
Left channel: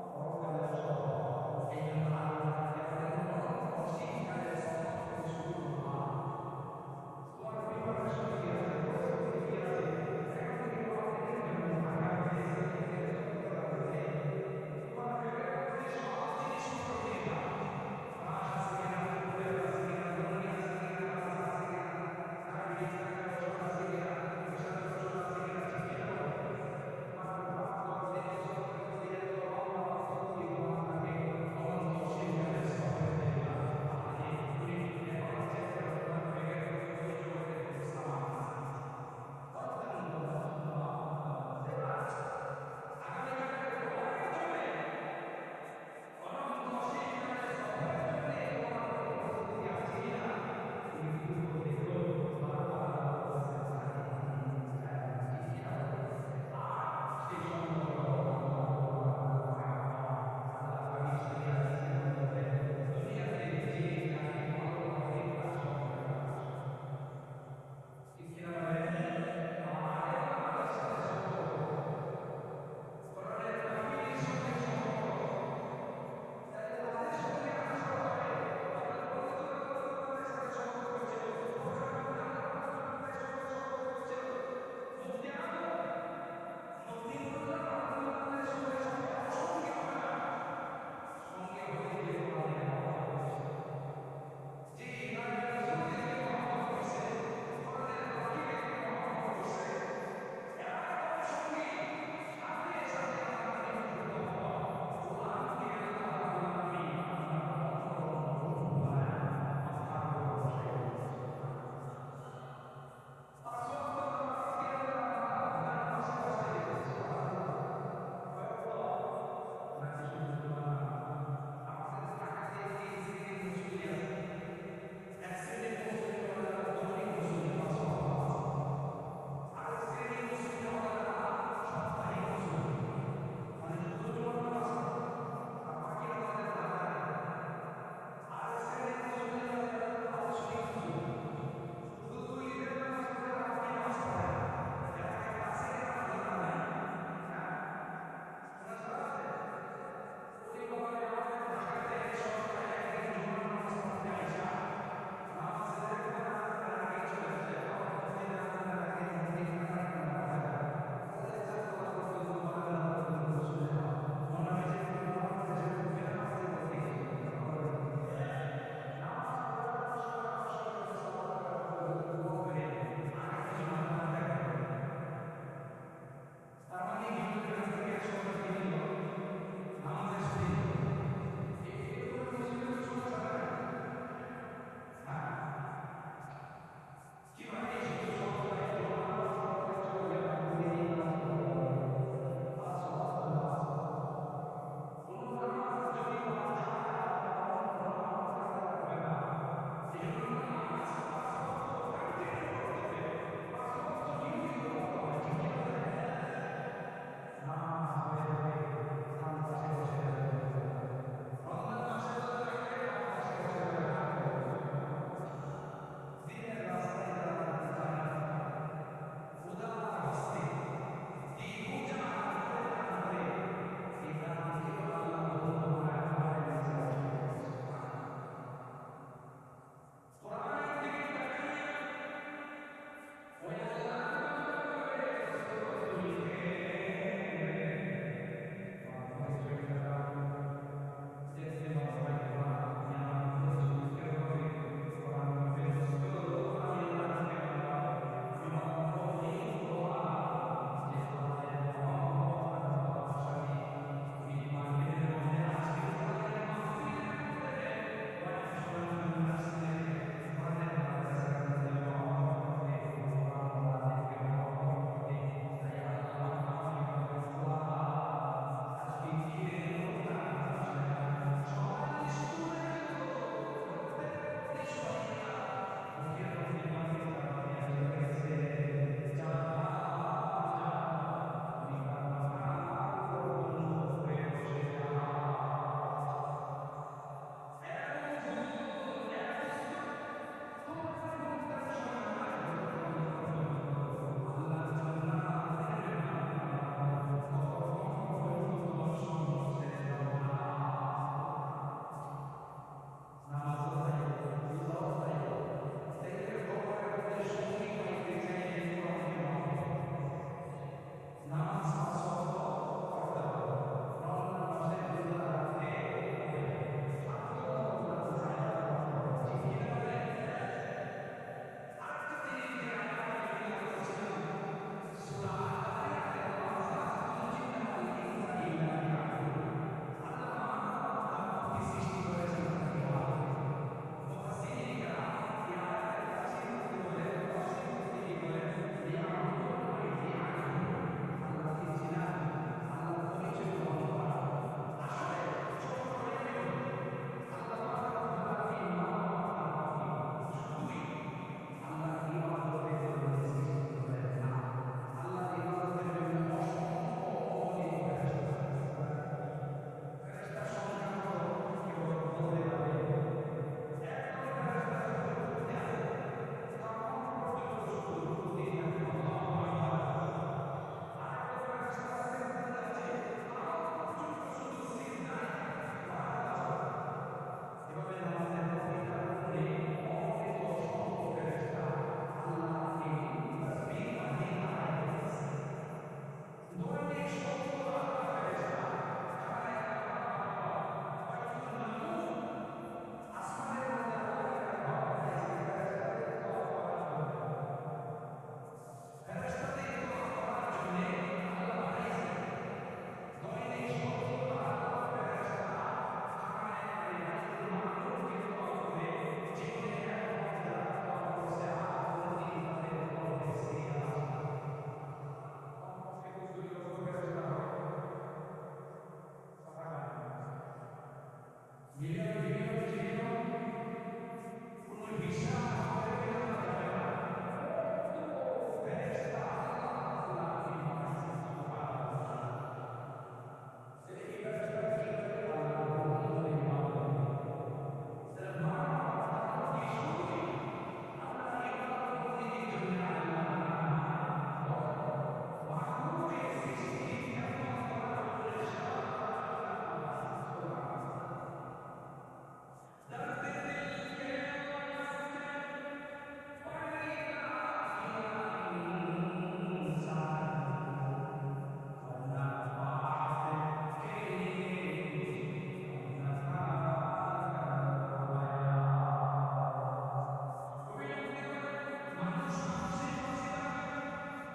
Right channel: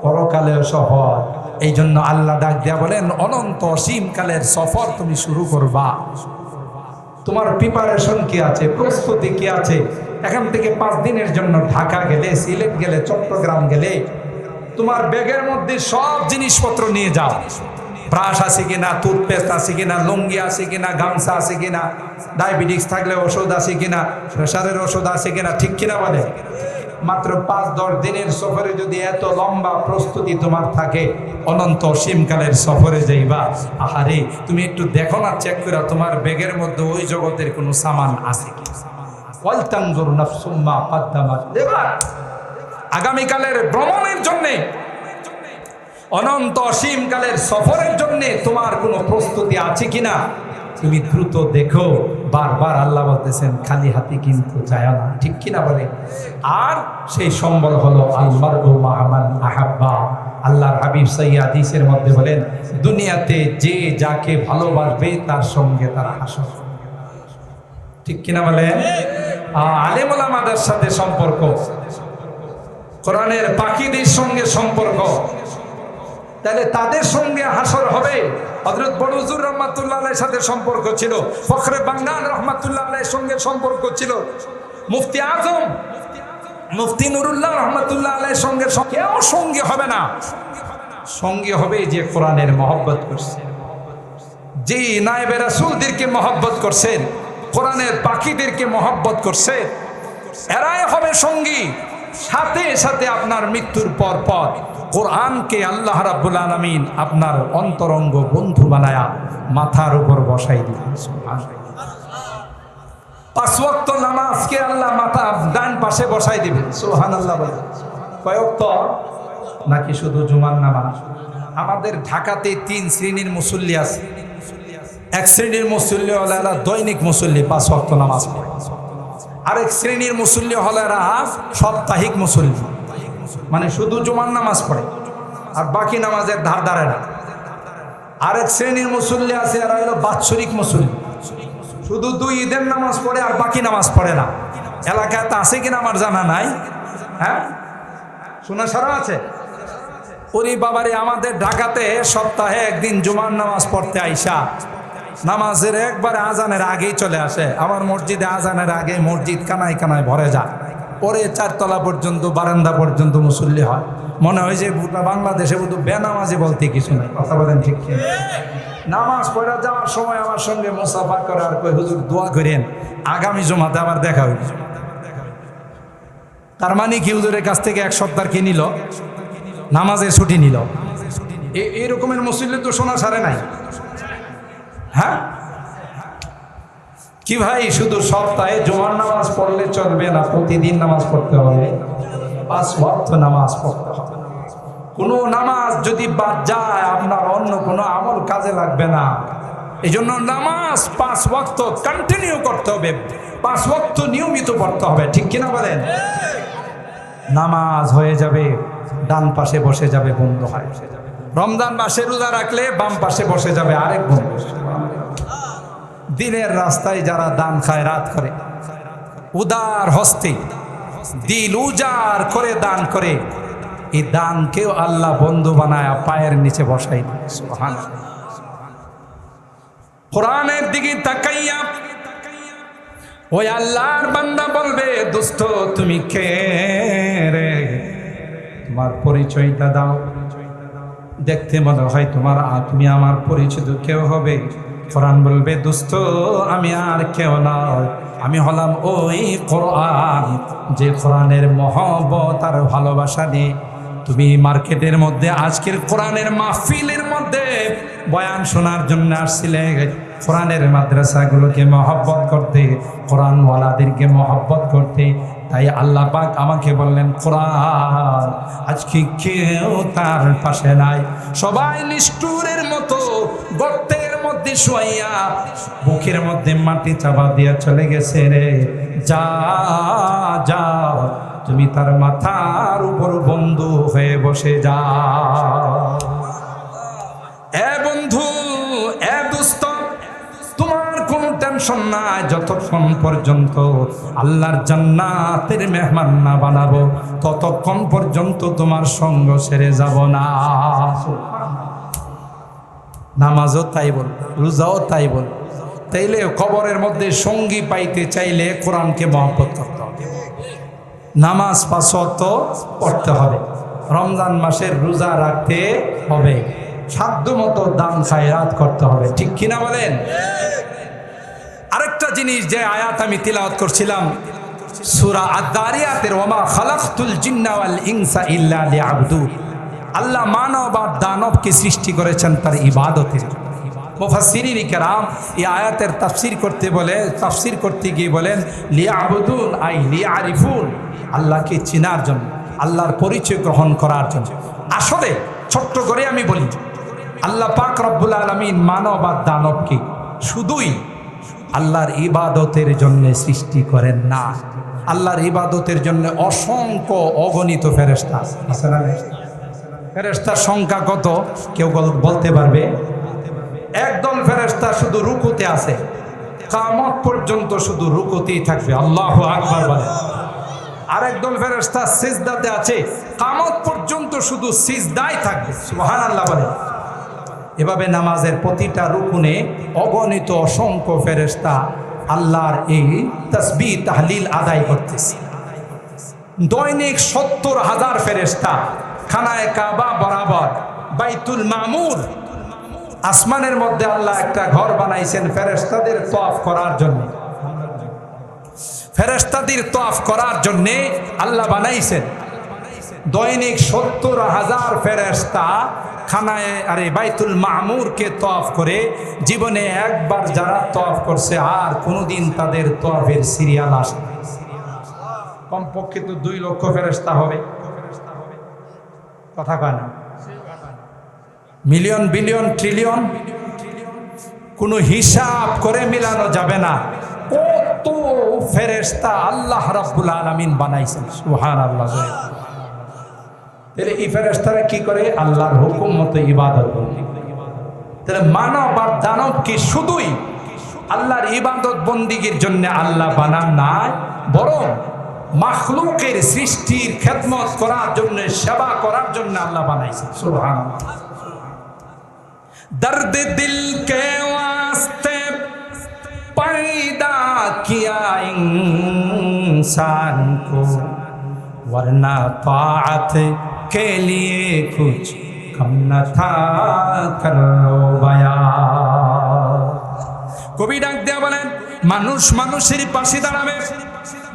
পরকালেও সফল। এই জন্য আল্লাহ ডাক দিয়া বলেন, অনন্ত অসীমকালের সফর তুমি শুরু করবা। তোমার প্রিপারেশন কি আছে, প্রস্তুতি কি আছে? এখান থেকে 5 দিনের জন্য ঢাকা গেলে, সিলেট গেলে, চট্টগ্রাম গেলে, তোমার ব্যাগের মধ্যে সব জিনিসপত্র নিয়ে যাও। ব্রাশ আছে কিনা, টুথপেস্ট আছে কিনা, লুঙ্গি আছে কিনা, গামছা আছে কিনা, ডায়াবেটিস থাকলে ওষুধ আছে কিনা, প্রেশারের ওষুধ আছে কিনা, ঠিক কিনা বলে? মাত্র 5-10 দিনের সফরে যদি এত লম্বা প্রস্তুতি তোমার থাকে, অনন্ত অসীমকালের সফরে যাইবা, আহারে তুমি একটু দেখো না, চেক করে তোমার ব্যাগের মধ্যে ওই জগতের কোনো সামান আছে কি। ওয়ালতানজুর নাফসুম মা কদ্দামাত লিগাদ। আগামীকালের ভ্রমণের জন্য, অনন্ত অসীমকালের সফরের জন্য তোমার কোনো প্রস্তুতি আছে কিনা তুমি দ্রুত দেখো। বারবার আল্লাহ বলতেছেন, খালি হাতে কিন্তু যায় না, ঠিক কিনা বলে? আর সেই সম্বল হলো আল-মারউ মা'a মান আহাব্বা। আল্লাহর হাবিব সহিহ হাদিসের মধ্যে বলেন, দুনিয়াতে যে যাকে ভালোবাসবে তার সঙ্গে তার হাসর, ঠিক কিনা বলেন? আলেম ওলামাদের সাথে সম্পর্ক, কোরআনের পাখিদের সঙ্গে সম্পর্ক, তাহলে তাদের সঙ্গে হাসর হবে। হযরত বড় হুজুর রহমাতুল্লাহ আলাইহির সাথে সম্পর্ক ছিল, ফখরে বাংলার রহমাতুল্লাহ আলাইহির সঙ্গে সম্পর্ক ছিল, মুফতি আজম মুফতি নুরুল্লাহ রহমাতুল্লাহ আলাইহির সঙ্গে কেউ সঙ্গী হবে না। সঙ্গী হবে যে কোরআনের মহব্বত করছে, যে নায়েবে রাসূলদেরকে মহব্বত করছেন, কোরআনের পাখিদেরকে মহব্বত করছে, এরাই হবে সঙ্গী। সাথে সাথে আপনার মৃত্যুর পর পর কোরআনকে আল্লাহ রাব্বুল আলামিন আপনার অন্তরঙ্গ বন্ধু বানায়া মাথার উপর বসাই দিবেন। সুবহানাল্লাহ। 5 ওয়াক্ত নামাজকে আল্লাহ মাথা ডান পাশে বসাই দিবেন। সুবহানাল্লাহ। বলে কয় ওয়াক্ত? নাকি শুধু জুমার নামাজ? আমাদের ঢাকাতে 3 শ্রেণীর মুসল্লি আছে। এক শ্রেণীর মুসল্লি হলো এরা দৈনিক মুসল্লি, 5 ওয়াক্ত নামাজ পড়ে। আরেক শ্রেণীর মুসল্লি হলো এরা সাপ্তাহিক মুসল্লি, মানে শুধু জুমার নামাজ পড়ে আর বাকি নামাজের ধার ধারে না। আরেক শ্রেণীর মুসল্লি আছে, এরা হলো বাৎসরিক মুসল্লি, শুধু 2 ঈদের নামাজ পড়ে আর বাকি নামাজ পড়ে না। এলাকায় তা আছে কিনা আমার জানা নাই। হ্যাঁ, শোনা সারা আছে। ওরে বাবারে, আমাদের ঢাকাতে সপ্তাহে একদিন জুমার নামাজ পড়তে আইসা নামাজের একবারে আজানের আগেই চলে আসে। আমার মসজিদে আজানের আগে মসজিদ কানায় কানায় ভরে যায়, পরে 4 তলা পর্যন্ত, বারান্দা পর্যন্ত মুসল্লি হয়। মনে হয় যে বাংলাদেশে শুধু বেনামাজি বলতে কিছু নেই। কথা বলেন ঠিক কি? নামাজ পড়া যাওয়ার সময় আমার সঙ্গে মুসাফা করে আর কই, হুজুর দোয়া করেন আগামী জুমাতে আবার দেখা হইল। তার মানে কি, হুজুরের কাছ থেকে 1 সপ্তাহ কি নিল, নামাজের ছুটি নিল। এই রকমের মুসল্লি তো শোনা সারে নাই। হ্যাঁ কি ভাই, শুধু সপ্তাহে জুমার নামাজ পড়লে চলবে না, প্রতিদিন নামাজ পড়তে হবে, 5 ওয়াক্ত নামাজ পড়তে হবে। কোনো নামাজ যদি বাদ যায় আপনার অন্য কোনো আমল কাজে লাগবে না। এই জন্য নামাজ 5 ওয়াক্ত কন্টিনিউ করতে হবে, 5 ওয়াক্ত নিয়মিত পড়তে হবে, ঠিক কিনা বলেন? নামাজ হয়ে যাবে, ডান পাশে বসে যাবে বন্ধু হয়। রমজান মাসে রোজা রাখলে বাম পাশে বসে যাবে আরেক বন্ধু। দিনের রাস্তায় যারা দান খায় রাত করে, উদার হস্তে দিল উজাড় করে দান করে, এই দানকেও আল্লাহ বন্ধু বানায় পায়ের নিচে বসাই দেয়। সুবহানাল্লাহ। কোরআনের দিকে তাকাইয়া ওই আল্লাহর বান্দা বলবে, দোস্ত তুমি কে রে, তোমার পরিচয়টা দাও, দেখতে মনে হয় তুমি আমার পরিচিত কেউ হবে। কোরআন বলবে, দোস্ত আমি আর কেউ নয়, আমি হলাম ওই কোরআন, যে কোরআনের মহব্বত আর ভালোবাসা নিয়ে তুমি মার্কেটের মধ্যে আজকের কোরআনের মাহফিলের মধ্যে বয়ান শোনার জন্য আসছিলে, কোরআনের মাদ্রাসাগুলোকে মহব্বত করতে, কোরআনওয়ালাদেরকে মহব্বত করতে। তাই আল্লাহ পাক আমাকে বললেন, কোরআন আজকে কেউ তার পাশে নাই, সবাই নিষ্ঠুরের মতো গর্তের মধ্যে শুয়াইয়া বুকের মধ্যে মাটি চাপা দিয়ে চলে গেছে রে। যা যাও, তুমি তার মাথার উপর বন্ধু হয়ে বসে যাও। এ বন্ধু, এ দোস্ত, তোমার কোনো টেনশন নাই, যতক্ষণ পর্যন্ত আল্লাহর জান্নাতের মেহমান না বানাবো ততক্ষণ পর্যন্ত তোমার সঙ্গ ছেড়ে যাব না। নামাজও তাই বল, রোজাও তাই বল। তাইলে কবরের মধ্যে সঙ্গী পাইতে চাইলে কোরআনকে মহব্বত করতে হবে, নামাজ 5 ওয়াক্ত পড়তে হবে, রমজান মাসের রোজা রাখতে হবে, সাধ্য মতো দান খায়রাত করতে হবে, ঠিক কিনা বলেন? আরেকটা জিনিস, যে আয়াত আমি তিলাওয়াত করছিলাম সূরা আদ-দারিয়াতের, ওমা খালাকতুল জিন্না ওয়াল ইনসা ইল্লা লিয়াবুদুন, আল্লাহ মানব আর দানবকে সৃষ্টি করেছেন তার ইবাদতের। মুফাসসিরিন কিরাম এই আয়াতের তাফসীর করতে গিয়ে বলেন, লিয়াবুদুন আই লিয়ারিফুন, আল্লাহকে চেনার জন্য, আল্লাহর পরিচয় গ্রহণ করার জন্য। আসলে ছোট্ট করে আমি বলি, আল্লাহ পাক রব্বুল আলামিন মানব আর দানবকে শুধুই আল্লাহর ইবাদতের জন্য সৃষ্টি করেন না, আল্লাহর ইবাদতের জন্য অসংখ্য অগণিত ফেরেশতা আছে না? ফেরেশতার সংখ্যা কত কেউ বলতে পারবে? একদল ফেরেশতা শুধু রুকুতে আছে, কিয়ামত পর্যন্ত শুধু রুকুতেই থাকবে, আল্লাহু আকবার বলে। আরেকদল ফেরেশতা সিজদাতে আছে, কিয়ামত পর্যন্ত শুধু সিজদায় থাকবে, সুবহানাল্লাহ বলে। এভাবে নামাজের প্রতিটা রুকুনে অগণিত অসংখ্য ফেরেশতা আল্লাহর এই তাসবিহ তাহলিল আদায় করতেছে। দৈনিক 70,000 ফেরেশতা খানায়ে কাবা বরাবর বাইতুল মামুর, আসমানের মধ্যে আল্লাহ একটা ঘর বানাইছেন ফেরেশতাদের তওয়াফ করার জন্য। ফেরেশতাদের তওয়াফ করার জন্য আল্লাহ বানাইছেন। দৈনিক 70,000 ফেরেশতা খানায়ে বাইতুল মামুরকে তওয়াফ করে, জীবনে একবার যারা তওয়াফ করছে আর কোনোদিন তাদের তওয়াফের সিরিয়াল আসে। কমপক্ষে তো 2 লক্ষ ফেরেশতা হবে, কথা কয় না? মিলিয়ন, বিলিয়ন, ট্রিলিয়ন, কোনো হিসাব করে মিলানো যাবে না কত ফেরেশতা আল্লাহ রাব্বুল আলামিন বানাইছেন, সুবহানাল্লাহ। তাহলে এই ফেরেশতারা কি করে? আল্লাহর হুকুম মতো ইবাদত করে। তাহলে মানব আর দানবকে শুধুই আল্লাহর ইবাদত বন্দিগির জন্য আল্লাহ বানান নাই, বরং মাখলুকের সৃষ্টির খেদমত করার জন্য, সেবা করার জন্য আল্লাহ বানাইছেন, সুবহানাল্লাহ। दर्द दिल के वास्ते पैदा किया इंसान को, वरना ताअत के लिए कुछ कम न था करो बया। কবি ডাক দেয়া বলেন, মানুষ মানুষের পাশে দাঁড়াবে,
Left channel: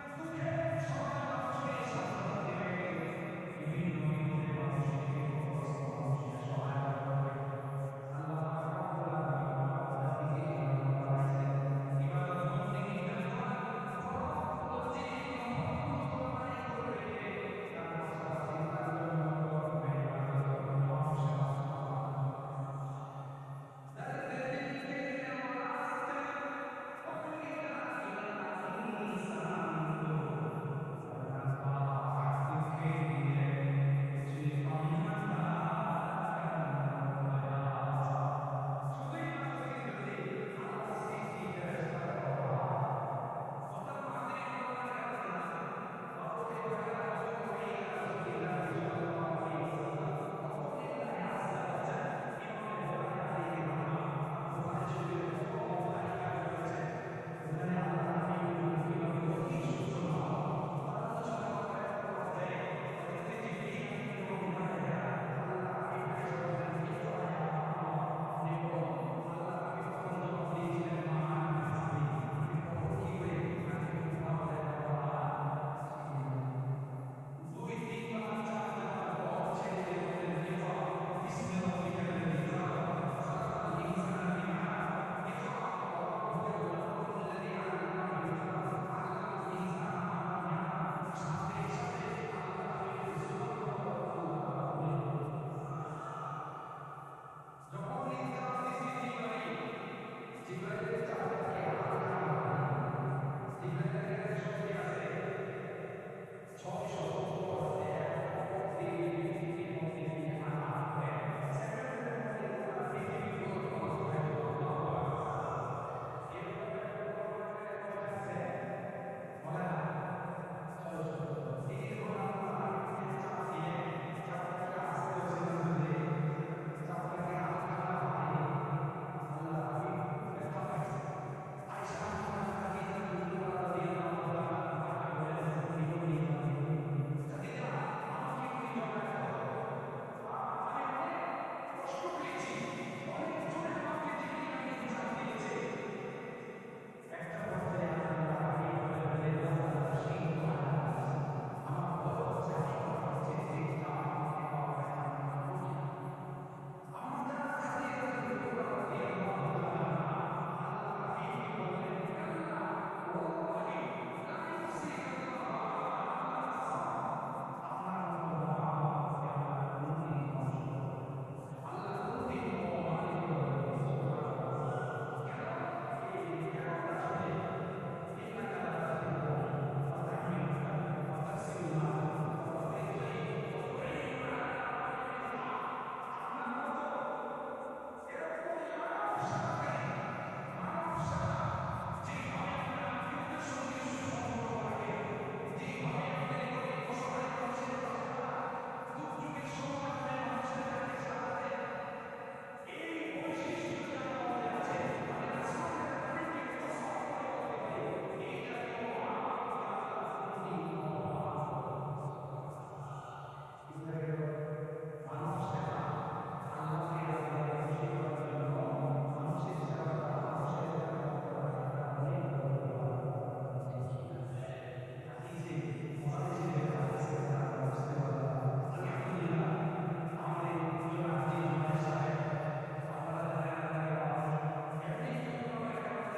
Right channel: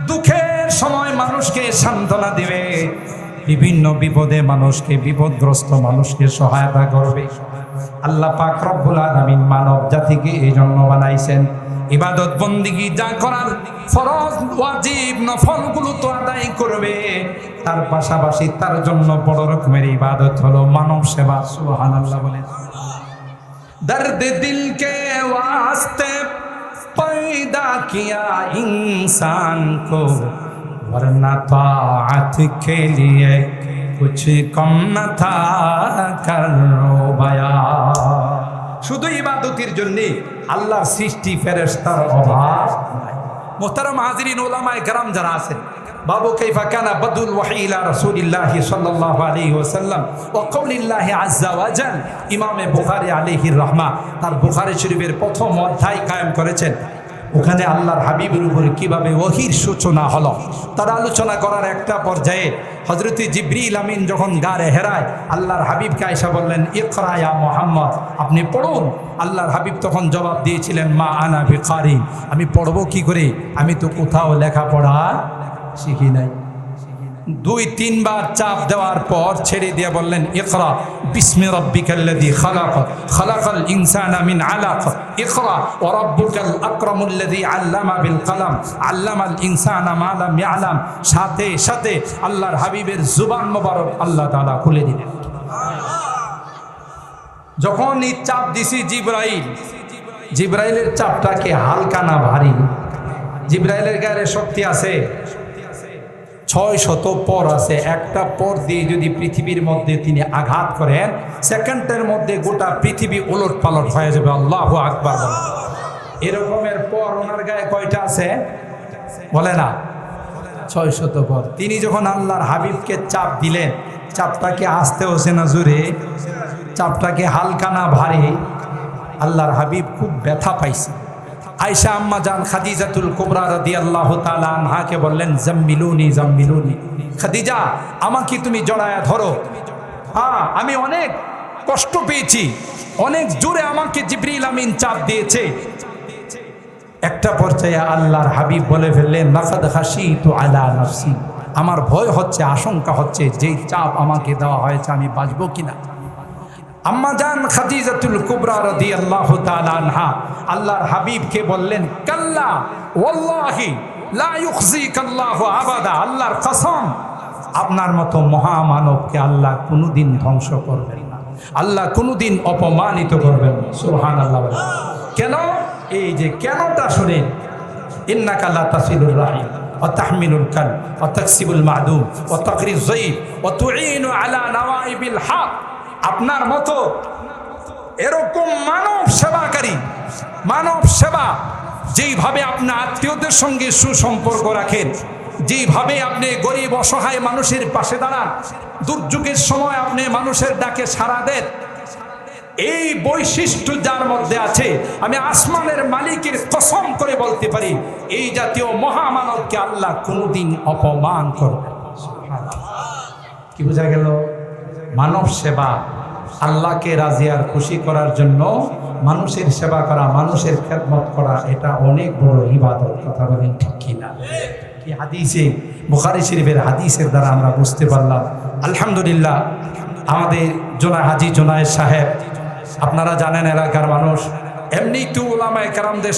দুঃখের সময় মানুষকে সান্ত্বনা দিবে, বিভিন্ন বিপদে মানুষকে, বিপদগ্রস্ত মানুষকে সহায়তা করবে। আল্লাহ পাক রব্বুল আলামিন মানব জাতিকে এই জন্য বানাইছেন, ইবাদত বন্দিগি যা করার ফরজ ওয়াজিব নফলগুলো তো আদায় করবে, তার পাশাপাশি তার জন্য বড় রকমের ইবাদত হলো মানব সেবা, সুবহানাল্লাহ বলেন। দর্দ দিল কে ওয়াস্তে पैदा किया इंसान को, वरना ताअत के लिए कुछ कम न था करो बया। শুধু ইবাদতের জন্য আল্লাহর সৃষ্টি ফেরেশতার অভাব নাই। মোহতারাম হাজিরিন, ওলামায়ে কেরাম যারা আছেন, বাবু কাইফা কানা বাদুল ওয়াহি ইলা রাসূলিল্লাহি সাল্লাল্লাহু আলাইহি ওয়াসাল্লাম ওয়া কওলিল্লাহি আযজা ওয়া জাল। ইমামে বুখারী আলাইহির রাহমা তার বুখারী শরীফের প্রথম অধ্যায় কায়েম করেছেন। ওখানে আল্লাহর হাবিবের উপরে কিভাবে ওহির সূচনা হলো তার আলোচনা করার একটা পর্যায়ে হযরত জিবরিল আমিন যখন গারে হেরায় আল্লাহর হাবিবকে আয়েশা বললেন, ইকরা ইয়া মুহাম্মদ, আপনি পড়ুন। আল্লাহর হাবিব তখন জবাব দিয়েছিলেন, মা আনা বিকারি, আমি পড়বো কি করে, আমি তো কোথাও লেখাপড়া শিখি নাই। 2-3 বার চাপ দেওয়ার পর ছেড়ে দিয়ে বললেন, ইকরা বিসমি রাব্বিকাল্লাযী খালাক, খালাকাল ইনসানা মিন আলাক, ইকরা ওয়া রাব্বুকাল আকরামুল্লাযী আল্লামা বিল কলম, আল্লামাল ইনসানা মা লাম ইয়ালাম। সাথে সাথে আল্লাহর হাবিবের জুবান মোবারক আল্লাহ তাআলা খুলে দিলেন। যখন এই চাপ দিছি জিবরাইলের চাপটাকে হালকা না ভারী? জিবরাইলের গায়ে শক্তি আছে 600 পর আছে। একটা পর দিয়ে যদি পৃথিবীর মধ্যে তিনি আঘাত করেন, সেকেন্ডের মধ্যে গোটা পৃথিবী উলট পালট হয়ে যাবে। আল্লাহু আকবার। এরকমের পর ওনার গায়ে কয়টা আছে বলে না? 600 পর। তিনি যখন আল্লাহর হাবিবকে চাপ দিলেন, চাপটাকে আস্তে হচ্ছে না জোরে, চাপটাকে হালকা না ভারী? আল্লাহর হাবিব খুব ব্যথা পাইছে। আয়েশা আম্মা জান খাদিজাতুল কুবরা রাদিয়াল্লাহু তাআলা আনহাকে বললেন, জাম্মিলুনি জাম্মিলুনি, খাদিজা আমাকে তুমি জড়ায়া ধরো, আমি অনেক কষ্ট পেয়েছি, অনেক জোরে আমাকে জিবরিল আমিন চাপ দিয়েছে। একটা পর্যায়ে আল্লাহর হাবিব বলে ফেললেন, লাকাদ খাশিতু আলা নাফসি, আমার ভয় হচ্ছে, আশঙ্কা হচ্ছে যেই চাপ আমাকে দেওয়া হয়েছে আমি বাঁচবো কিনা। আম্মা জান খাদিজাতুল কুবরা রাদিয়াল্লাহু তাআলা আনহা আল্লাহর হাবিবকে বললেন, কাল্লা ওয়াল্লাহি লা ইউখজিকাল্লাহু আবাদা, আল্লাহর কসম আপনার মতো মহামানবকে আল্লাহ কোনোদিন ধ্বংস করবেন না, আল্লাহ কোনোদিন অপমানিত করবেন না। সুবহানাল্লাহ। কেন? এই যে কেনটা শুনেন, ইন্নাকা লা তাসিলুর রাহিম ওয়া তাহমিলুল কাল ওয়া তাকসিবুল মাদুম ওয়া তাকরিজ যায়িফ ওয়া তুঈনু আলা নওয়াইবিল হক। আপনার মতো এরকম মানব সেবাকারী, মানব সেবা, যেইভাবে আপনার আত্মীয়দের সঙ্গে সুসম্পর্ক রাখেন, যেইভাবে আপনি গরিব অসহায় মানুষের পাশে দাঁড়ান, দুর্যোগের সময় আপনি মানুষের ডাকে সাড়া দেন, এই বৈশিষ্ট্য যার মধ্যে আছে, আমি আসমানের মালিকের কসম করে বলতে পারি এই জাতীয় মহামানবকে আল্লাহ কোনোদিন অপমান করবেন। কি বোঝা গেল? মানব সেবা, আল্লাহকে রাজি আর খুশি করার জন্য মানুষের সেবা করা, মানুষের খেদমত করা, এটা অনেক বড় ইবাদত। কথা বলেন ঠিক কিনা? কি হাদিসে, বুখারী শরীফের হাদিসের দ্বারা আমরা বুঝতে পারলাম। আলহামদুলিল্লাহ, আমাদের হাজী জোনায়েদ সাহেব, আপনারা জানেন এলাকার মানুষ, এমনি তো উলামায়ে কেরামদের